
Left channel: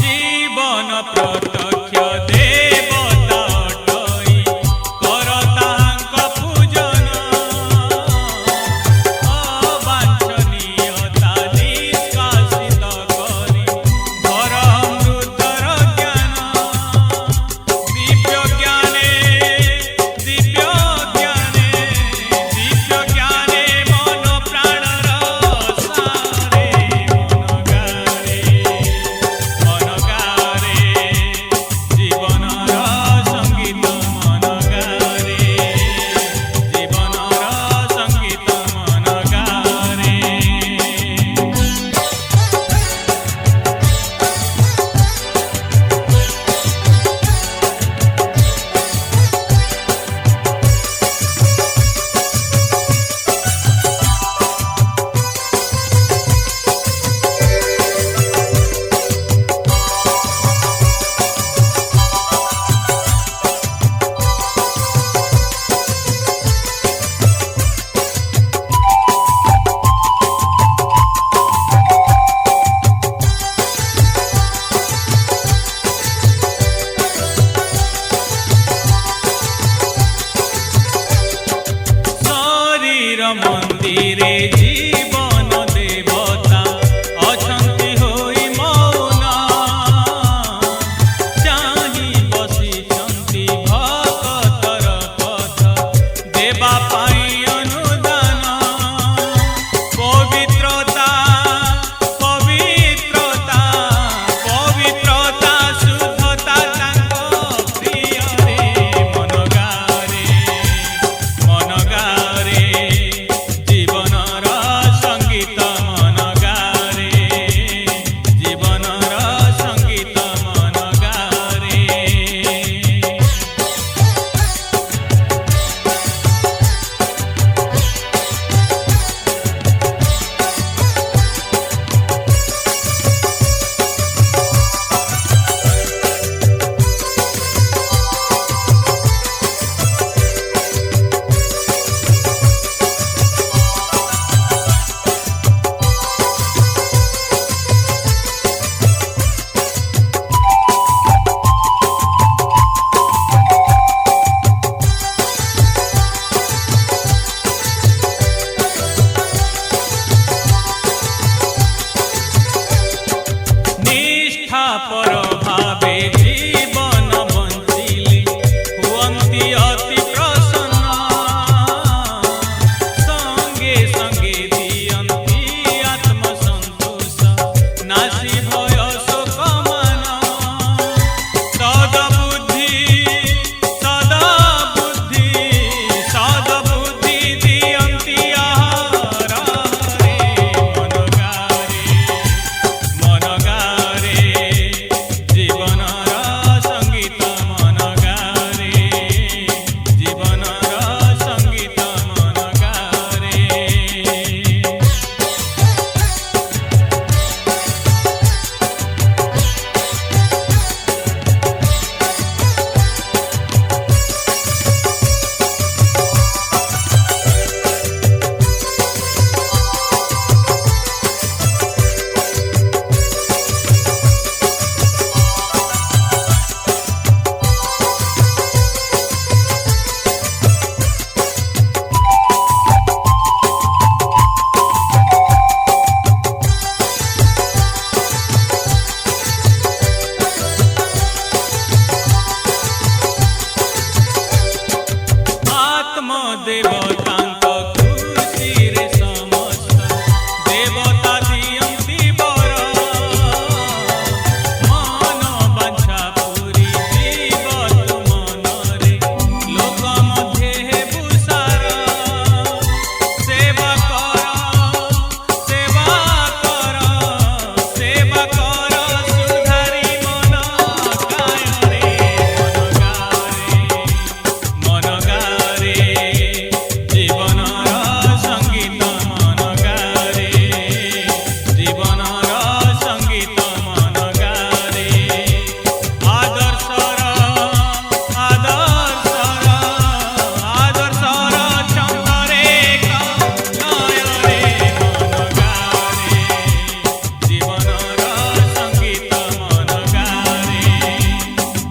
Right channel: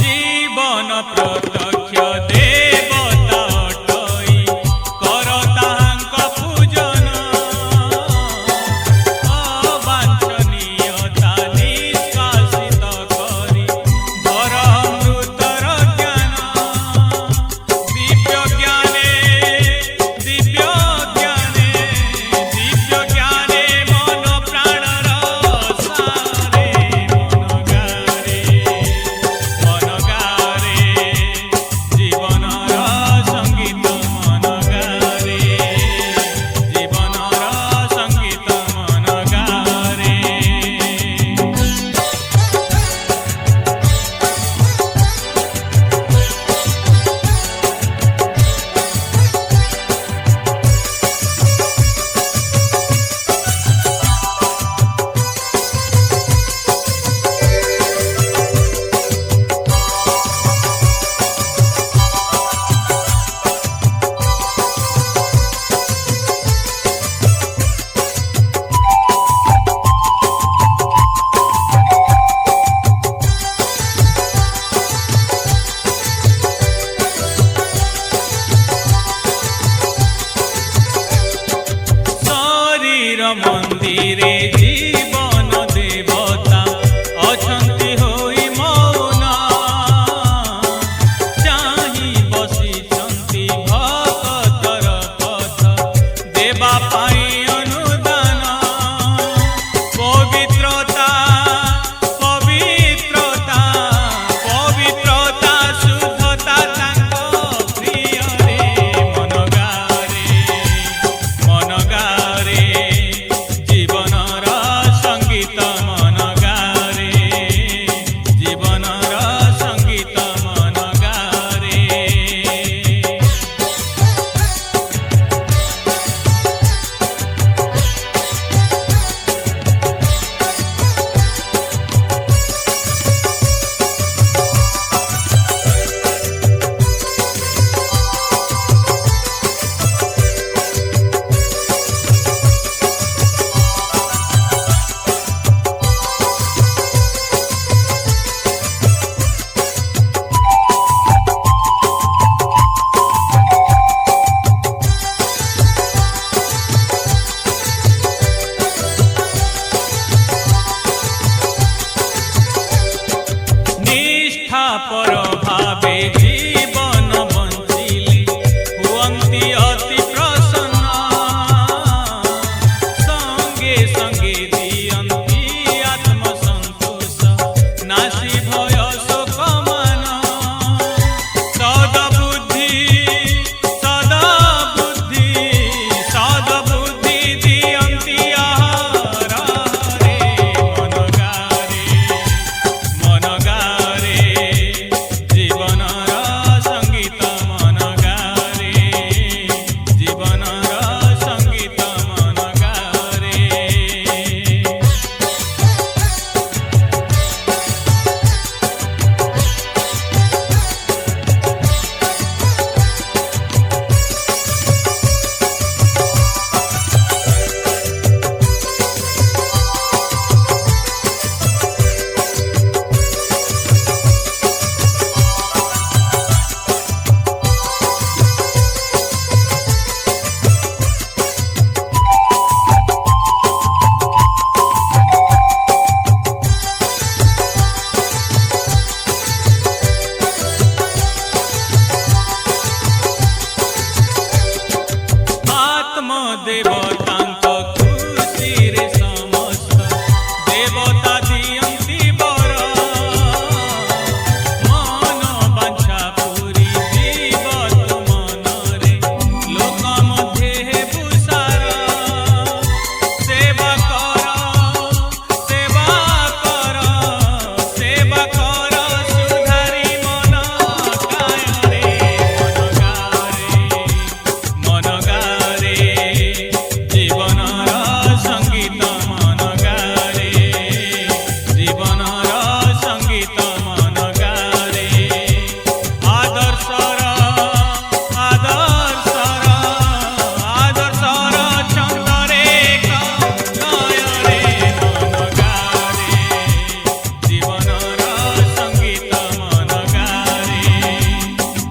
জীবন প্রত্যক্ষ দেবতা অটই কর তাহাঙ্ক পূজন অবাঞ্ছনীয়তা নিষ্কাশিত করি ভর অমৃতর জ্ঞান দিব্য জ্ঞানে দিব্য জ্ঞানে দিব্য জ্ঞানে মন প্রাণর সারে মন গারে মন গারে জীবনর সঙ্গীত মন গারে জীবনর সঙ্গীত মন গারে শরীর মন্দিরে জীবন দেবতা অছন্তি হই মৌন চাহি বসিছন্তি ভকতর পথ দেবা পাই অনুদান পবিত্রতা পবিত্রতা পবিত্রতা শুদ্ধতা তাঙ্ক প্রিয়রে মন গারে মন গারে জীবনর সঙ্গীত মন গারে জীবনর সঙ্গীত মন গারে নিষ্ঠাপর ভাবে জীবন বঞ্চিলে হুয়ন্তি অতি প্রসন্ন সঙ্গে সঙ্গে দিয়ন্তি আত্মসন্তোষ নাসি ভয় শোক মান সদবুদ্ধি সদবুদ্ধি সদবুদ্ধি দিয়ন্তি আহারে মন গারে देवतांक खुशीरे समस्त देवता दियंती बर मन बांछा पूरी जीव तु मनरे लोक मध्ये हेबु सारा सेवा कर सेवा कर सेवा कर सुधारी मन गाय रे मन गारे जीवनर संगीत मन गारे जीवनर संगीत मन गारे आदर्शर आदर्शर आदर्शर छंदरे लय रे मन गारे जीवनर संगीत मन गारे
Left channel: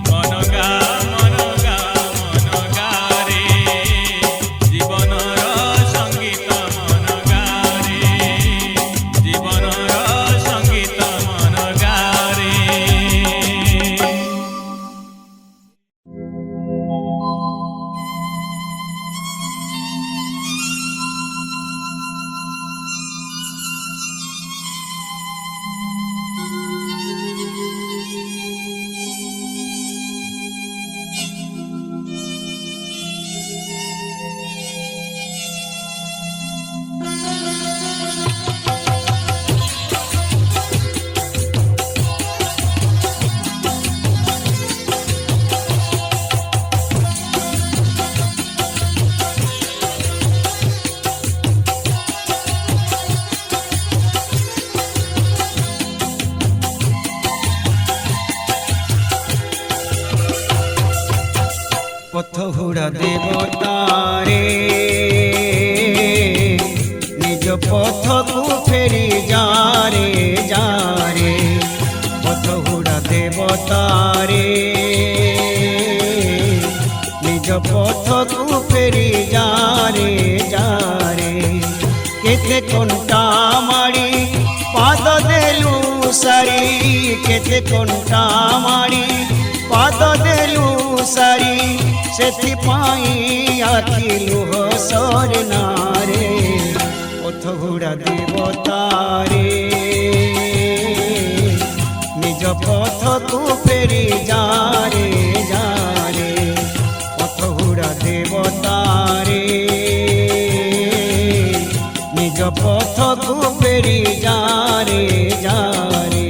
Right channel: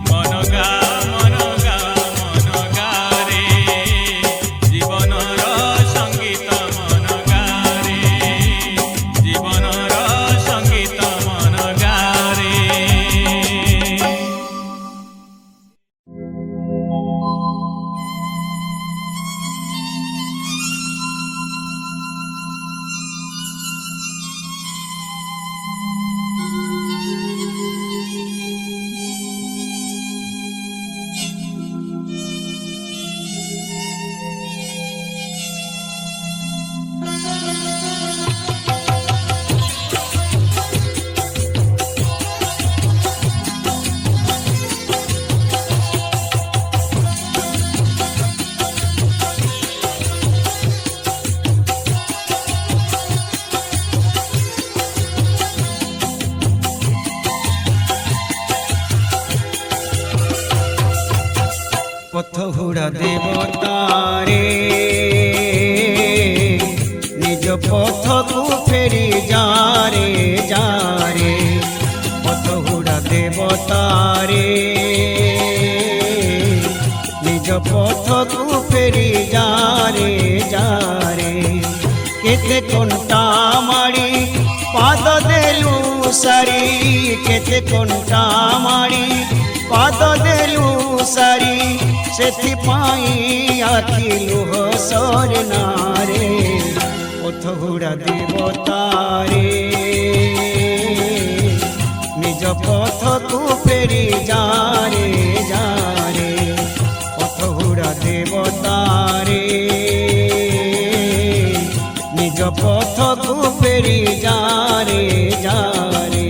मन गा मन गा मन गारे जीवनर संगीत मन गारे जीवनर संगीत मन गारे। পথহুড়া দেবতারে নিজ পথকু ফেরি যারে যারে পথহুড়া দেবতারে নিজ পথকু ফেরি যারে যারে কেতে কণ্টা মাড়ি পাদ দেলু সারি কেতে কণ্টা মাড়ি পাদ দেলু সারি সেথিপাই আখি লুহ সরে নারে পথহুড়া দেবতারে নিজ পথকু ফেরি যারে যারে পথহুড়া দেবতারে নিজ পথকু ফেরি যারে যারে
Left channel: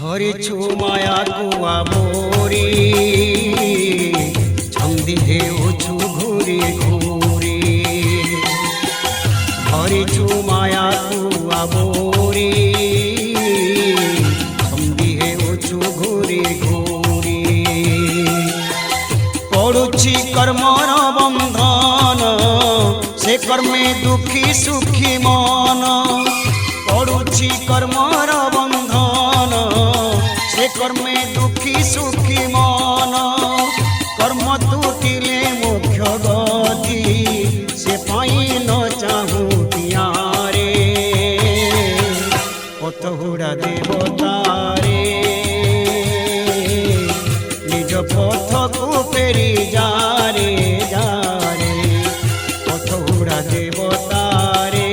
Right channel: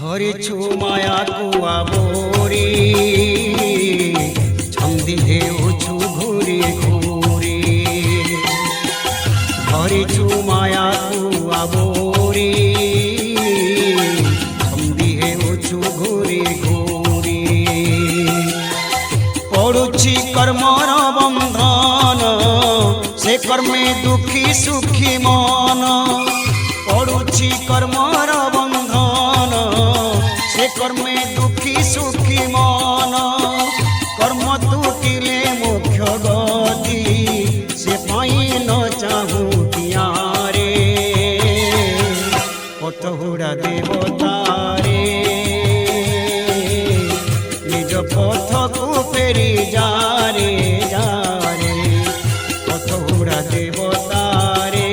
ধরেছু মায়া কুয়া মোরে ছন্দি হেউছু ঘুরে ঘুরে ধরেছু মায়া কুয়া মোরে ছন্দি হেউছু ঘুরে ঘুরে পড়ুছি কর্মর বন্ধন সে কর্মে দুঃখী সুখী মন পড়ুছি কর্মর বন্ধন সে কর্মে দুঃখী সুখী মন কর্ম তুটিলে মুখ্য গতি সে পাই ন চাহু তিয়ারে পথহুড়া দেবতারে নিজ পথকু ফেরি যারে যারে পথহুড়া দেবতারে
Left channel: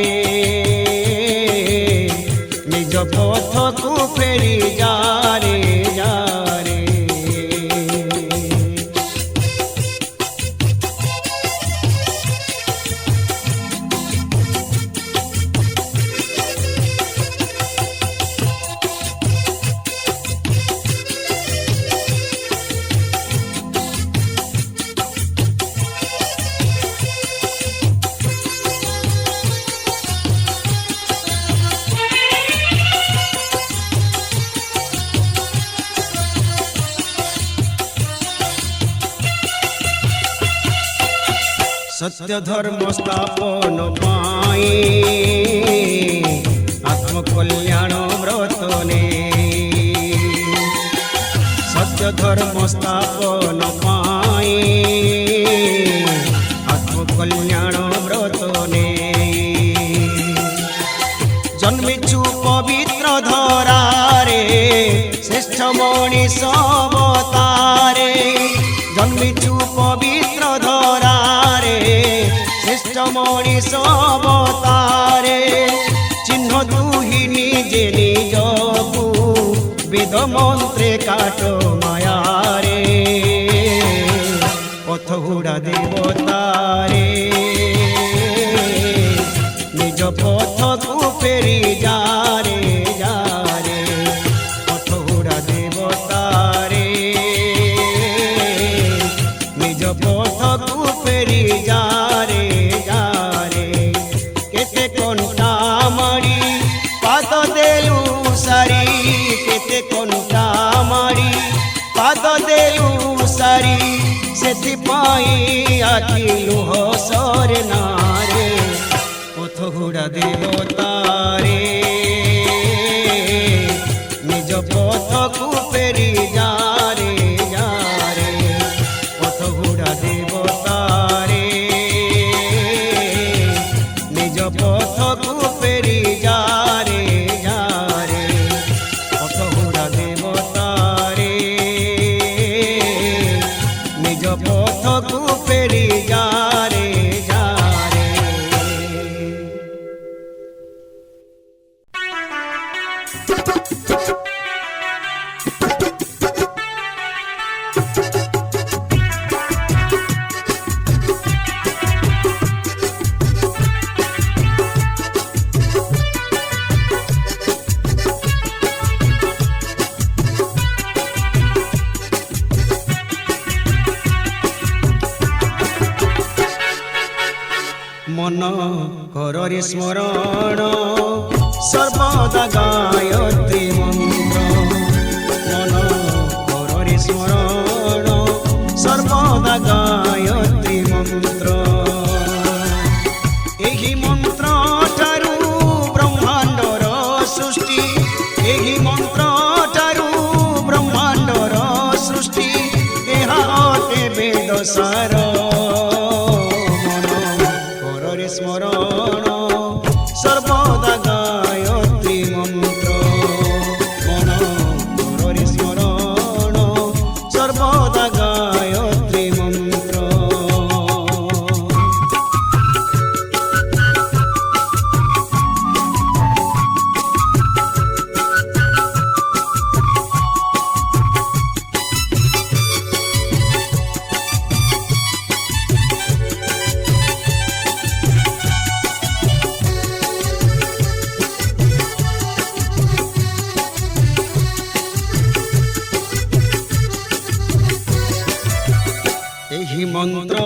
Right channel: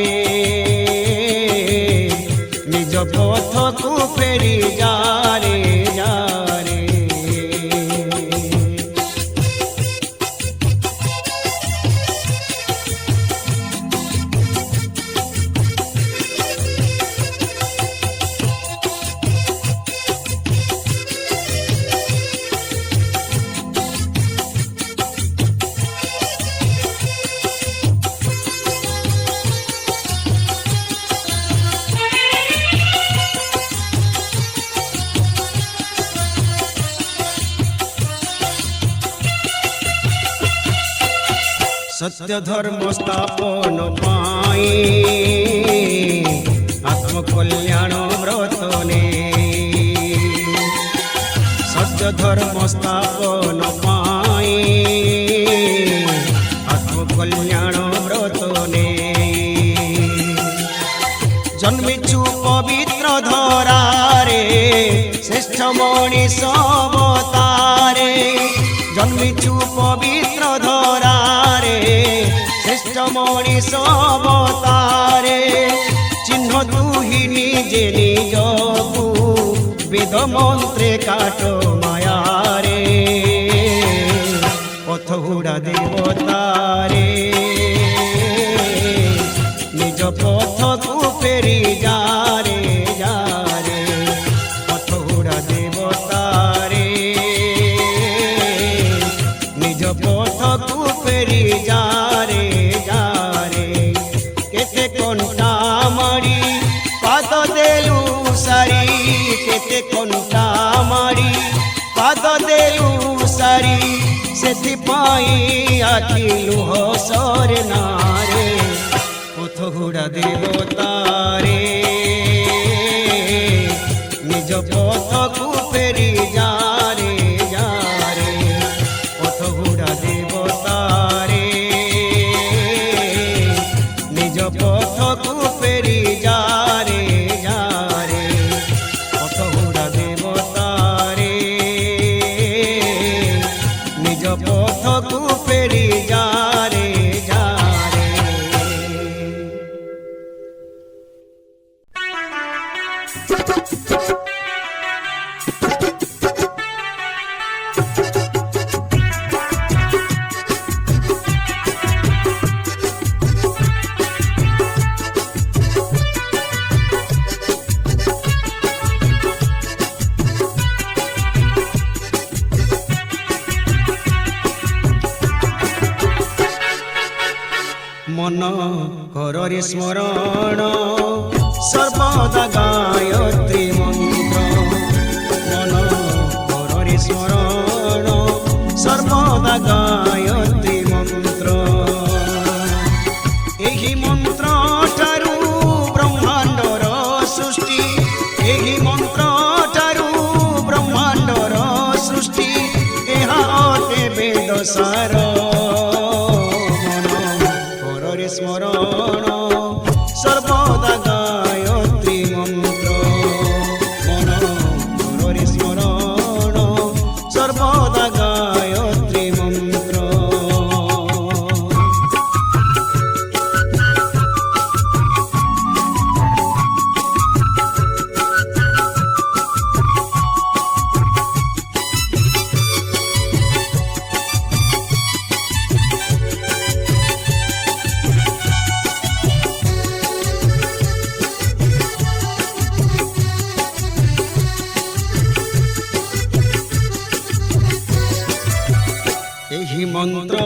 নিজ পথকু ফেরি যারে যারে সত্য ধর্ম স্থাপন পাই আত্মকল্যাণ ব্রত নে সত্য ধর্ম স্থাপন পাই আত্মকল্যাণ ব্রত নে জন্মিছু পবিত্র ধরারে শ্রেষ্ঠ মণিষ অবতারে জন্মিছু পবিত্র ধরারে শ্রেষ্ঠ মণিষ অবতারে চিহ্ন তুহি নিজে নিজকু বেদ মন্ত্রে কাট মায়ারে পথ হুড়া দেবতারে নিজ পথকু ফেরি যারে যারে পথ হুড়া দেবতারে নিজ পথকু ফেরি যারে যারে কেতে কণ্টা মারি পাদ দেলু সারি কেতে কণ্টা মারি পাদ দেলু সারি সেথিপাই আখি লুহ সরে নারে পথ হুড়া দেবতারে নিজ পথকু ফেরি যারে যারে পথ হুড়া দেবতারে নিজ পথকু ফেরি যারে যারে পথ হুড়া দেবতারে নিজ পথকু ফেরি যারে যারে মন কররে স্মরণ সর্বদা গায়ত্রী মন্ত্র মন কররে স্মরণ সর্বদা গায়ত্রী মন্ত্র এই মন্ত্র ঠারু ব্রহ্মাণ্ডর সৃষ্টি এই মন্ত্র ঠারু ব্রহ্মাণ্ডর সৃষ্টি এহা অটে বেদ সার স্মরণ সর্বদা গায়ত্রী মন্ত্র মন কররে স্মরণ সর্বদা গায়ত্রী মন্ত্র এই মন্ত্র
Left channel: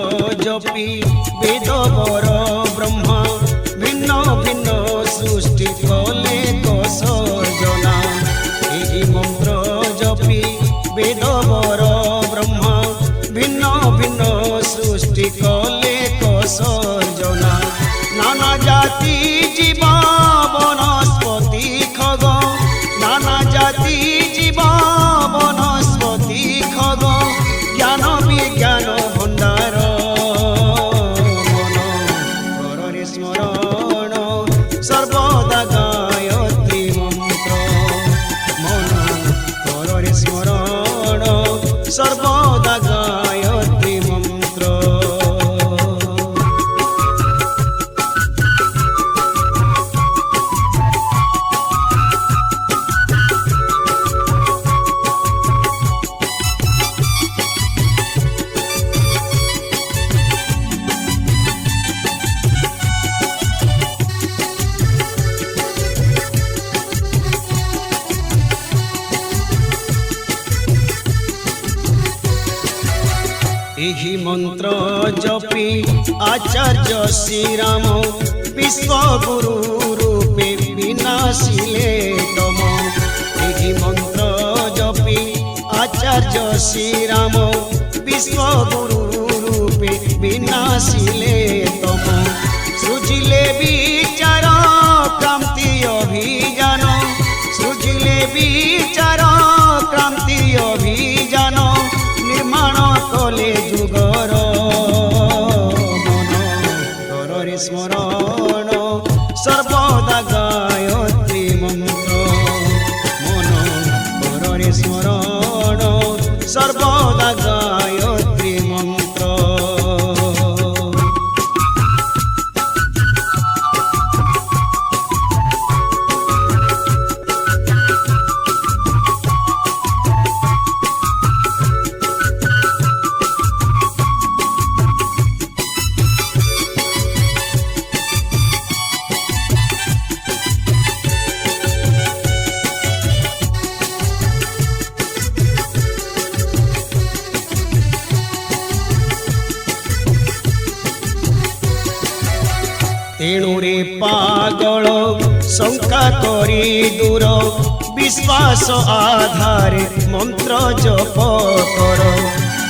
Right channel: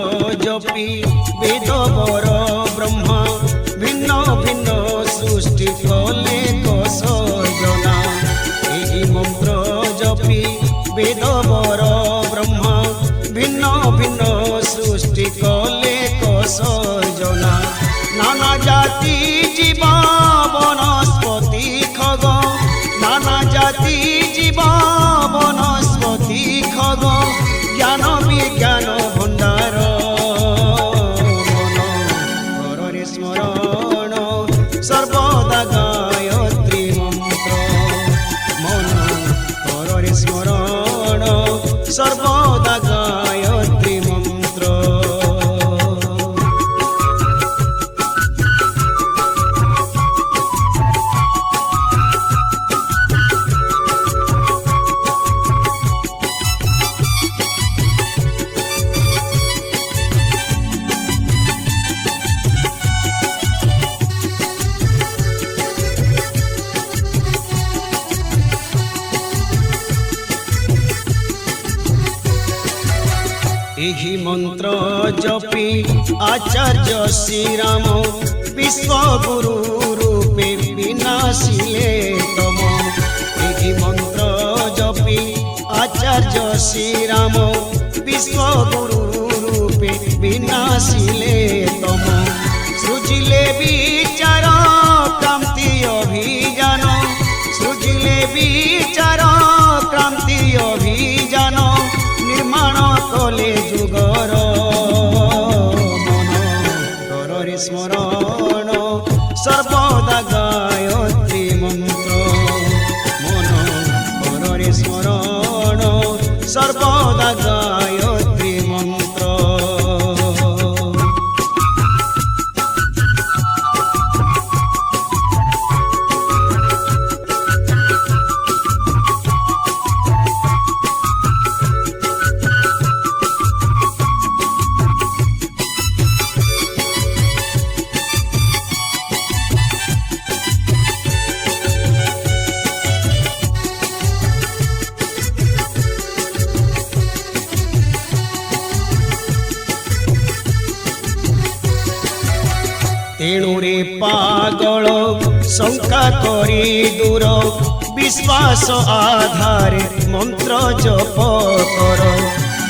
জপি বেদ বর ব্রহ্মা ভিন্ন ভিন্ন সৃষ্টি কলে সর্জনা এই মন্ত্র জপি বেদ বর ব্রহ্মা ভিন্ন ভিন্ন সৃষ্টি কলে সর্জনা নানা জাতি জীবা বনস্পতি খগ নানা জাতি জীবা বনস্পতি খগ জ্ঞান বিজ্ঞান ভণ্ডার মন কররে স্মরণ সর্বদা গায়ত্রী মন্ত্র মন কররে স্মরণ সর্বদা গায়ত্রী মন্ত্র ଏହି ମନ୍ତ୍ର ଜପି ଆଚାର୍ଯ୍ୟ ଶ୍ରୀରାମ ବିଶ୍ୱଗୁରୁ ରୂପେ ବିନାଶିଲେ ତମ ଏହି ମନ୍ତ୍ର ଜପି আচার্য শ্রীরাম বিশ্বগুরু রূপে বিনাশিলে তম সৃজিলে বিচার ক্রান্তি অভিযান সৃজিলে বিচার ক্রান্তি অভিযান নির্মাণ কলে যুগর মন কରରେ স্মরণ সর্বদা গায়ত্রী মন্ত্র মন কରରେ স্মরণ সর্বদা গায়ত্রী মন্ত্র। তেণুরে পাগল শঙ্কা করি দূর বিশ্বাস আধারে মন্ত্র জপ কর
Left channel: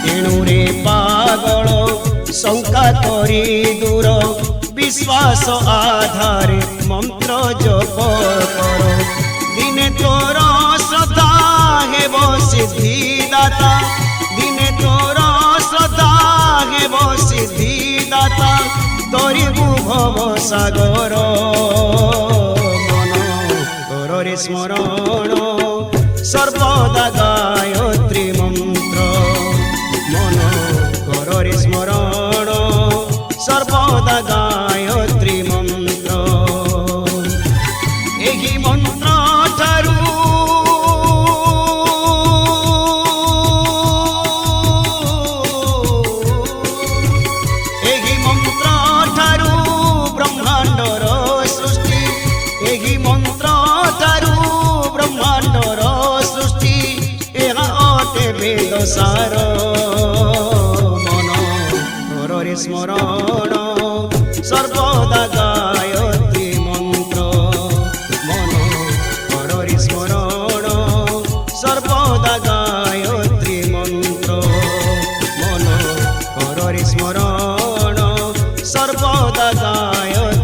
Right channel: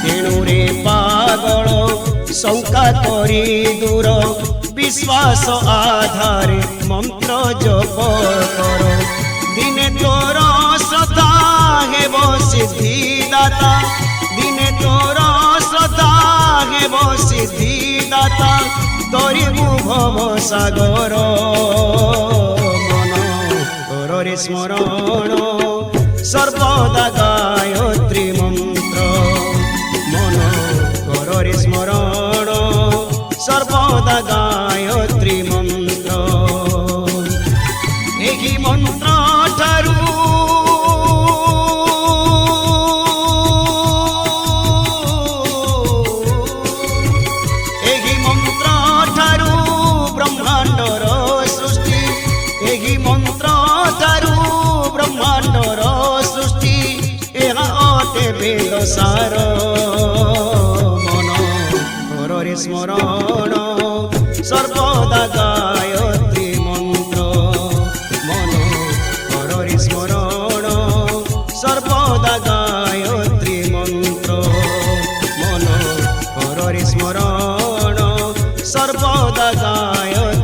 তেণুরে পাগল শঙ্কা করি দূর বিশ্বাস আধারে মন্ত্র জপ কর দিনে তোর শ্রদ্ধা হেব সিদ্ধিদাতা দিনে তোর শ্রদ্ধা হেব সিদ্ধিদাতা তরিবু ভব সাগর মন কରରେ স্মরণ সর্বদা গায়ত্রী মন্ত্র মন কରରେ স্মরণ সর্বদা গায়ত্রী মন্ত্র। ଏହି ମନ୍ତ୍ର ଠାରୁ ଏହି ମନ୍ତ୍ର ଠାରୁ ବ୍ରହ୍ମାଣ୍ଡର ସୃଷ୍ଟି ଏହି ମନ୍ତ୍ର ଠାରୁ ବ୍ରହ୍ମାଣ୍ଡର ସୃଷ୍ଟି ଏହା ଅଟେ ବେଦ ସାର ମନ କରରେ ସ୍ମରଣ ସର୍ବଦା ଗାୟତ୍ରୀ ମନ୍ତ୍ର মন কରରେ স্মরণ সর্বদা গায়ত্রী মন্ত্র মন কରରେ স্মরণ সর্বদা গায়ত্রী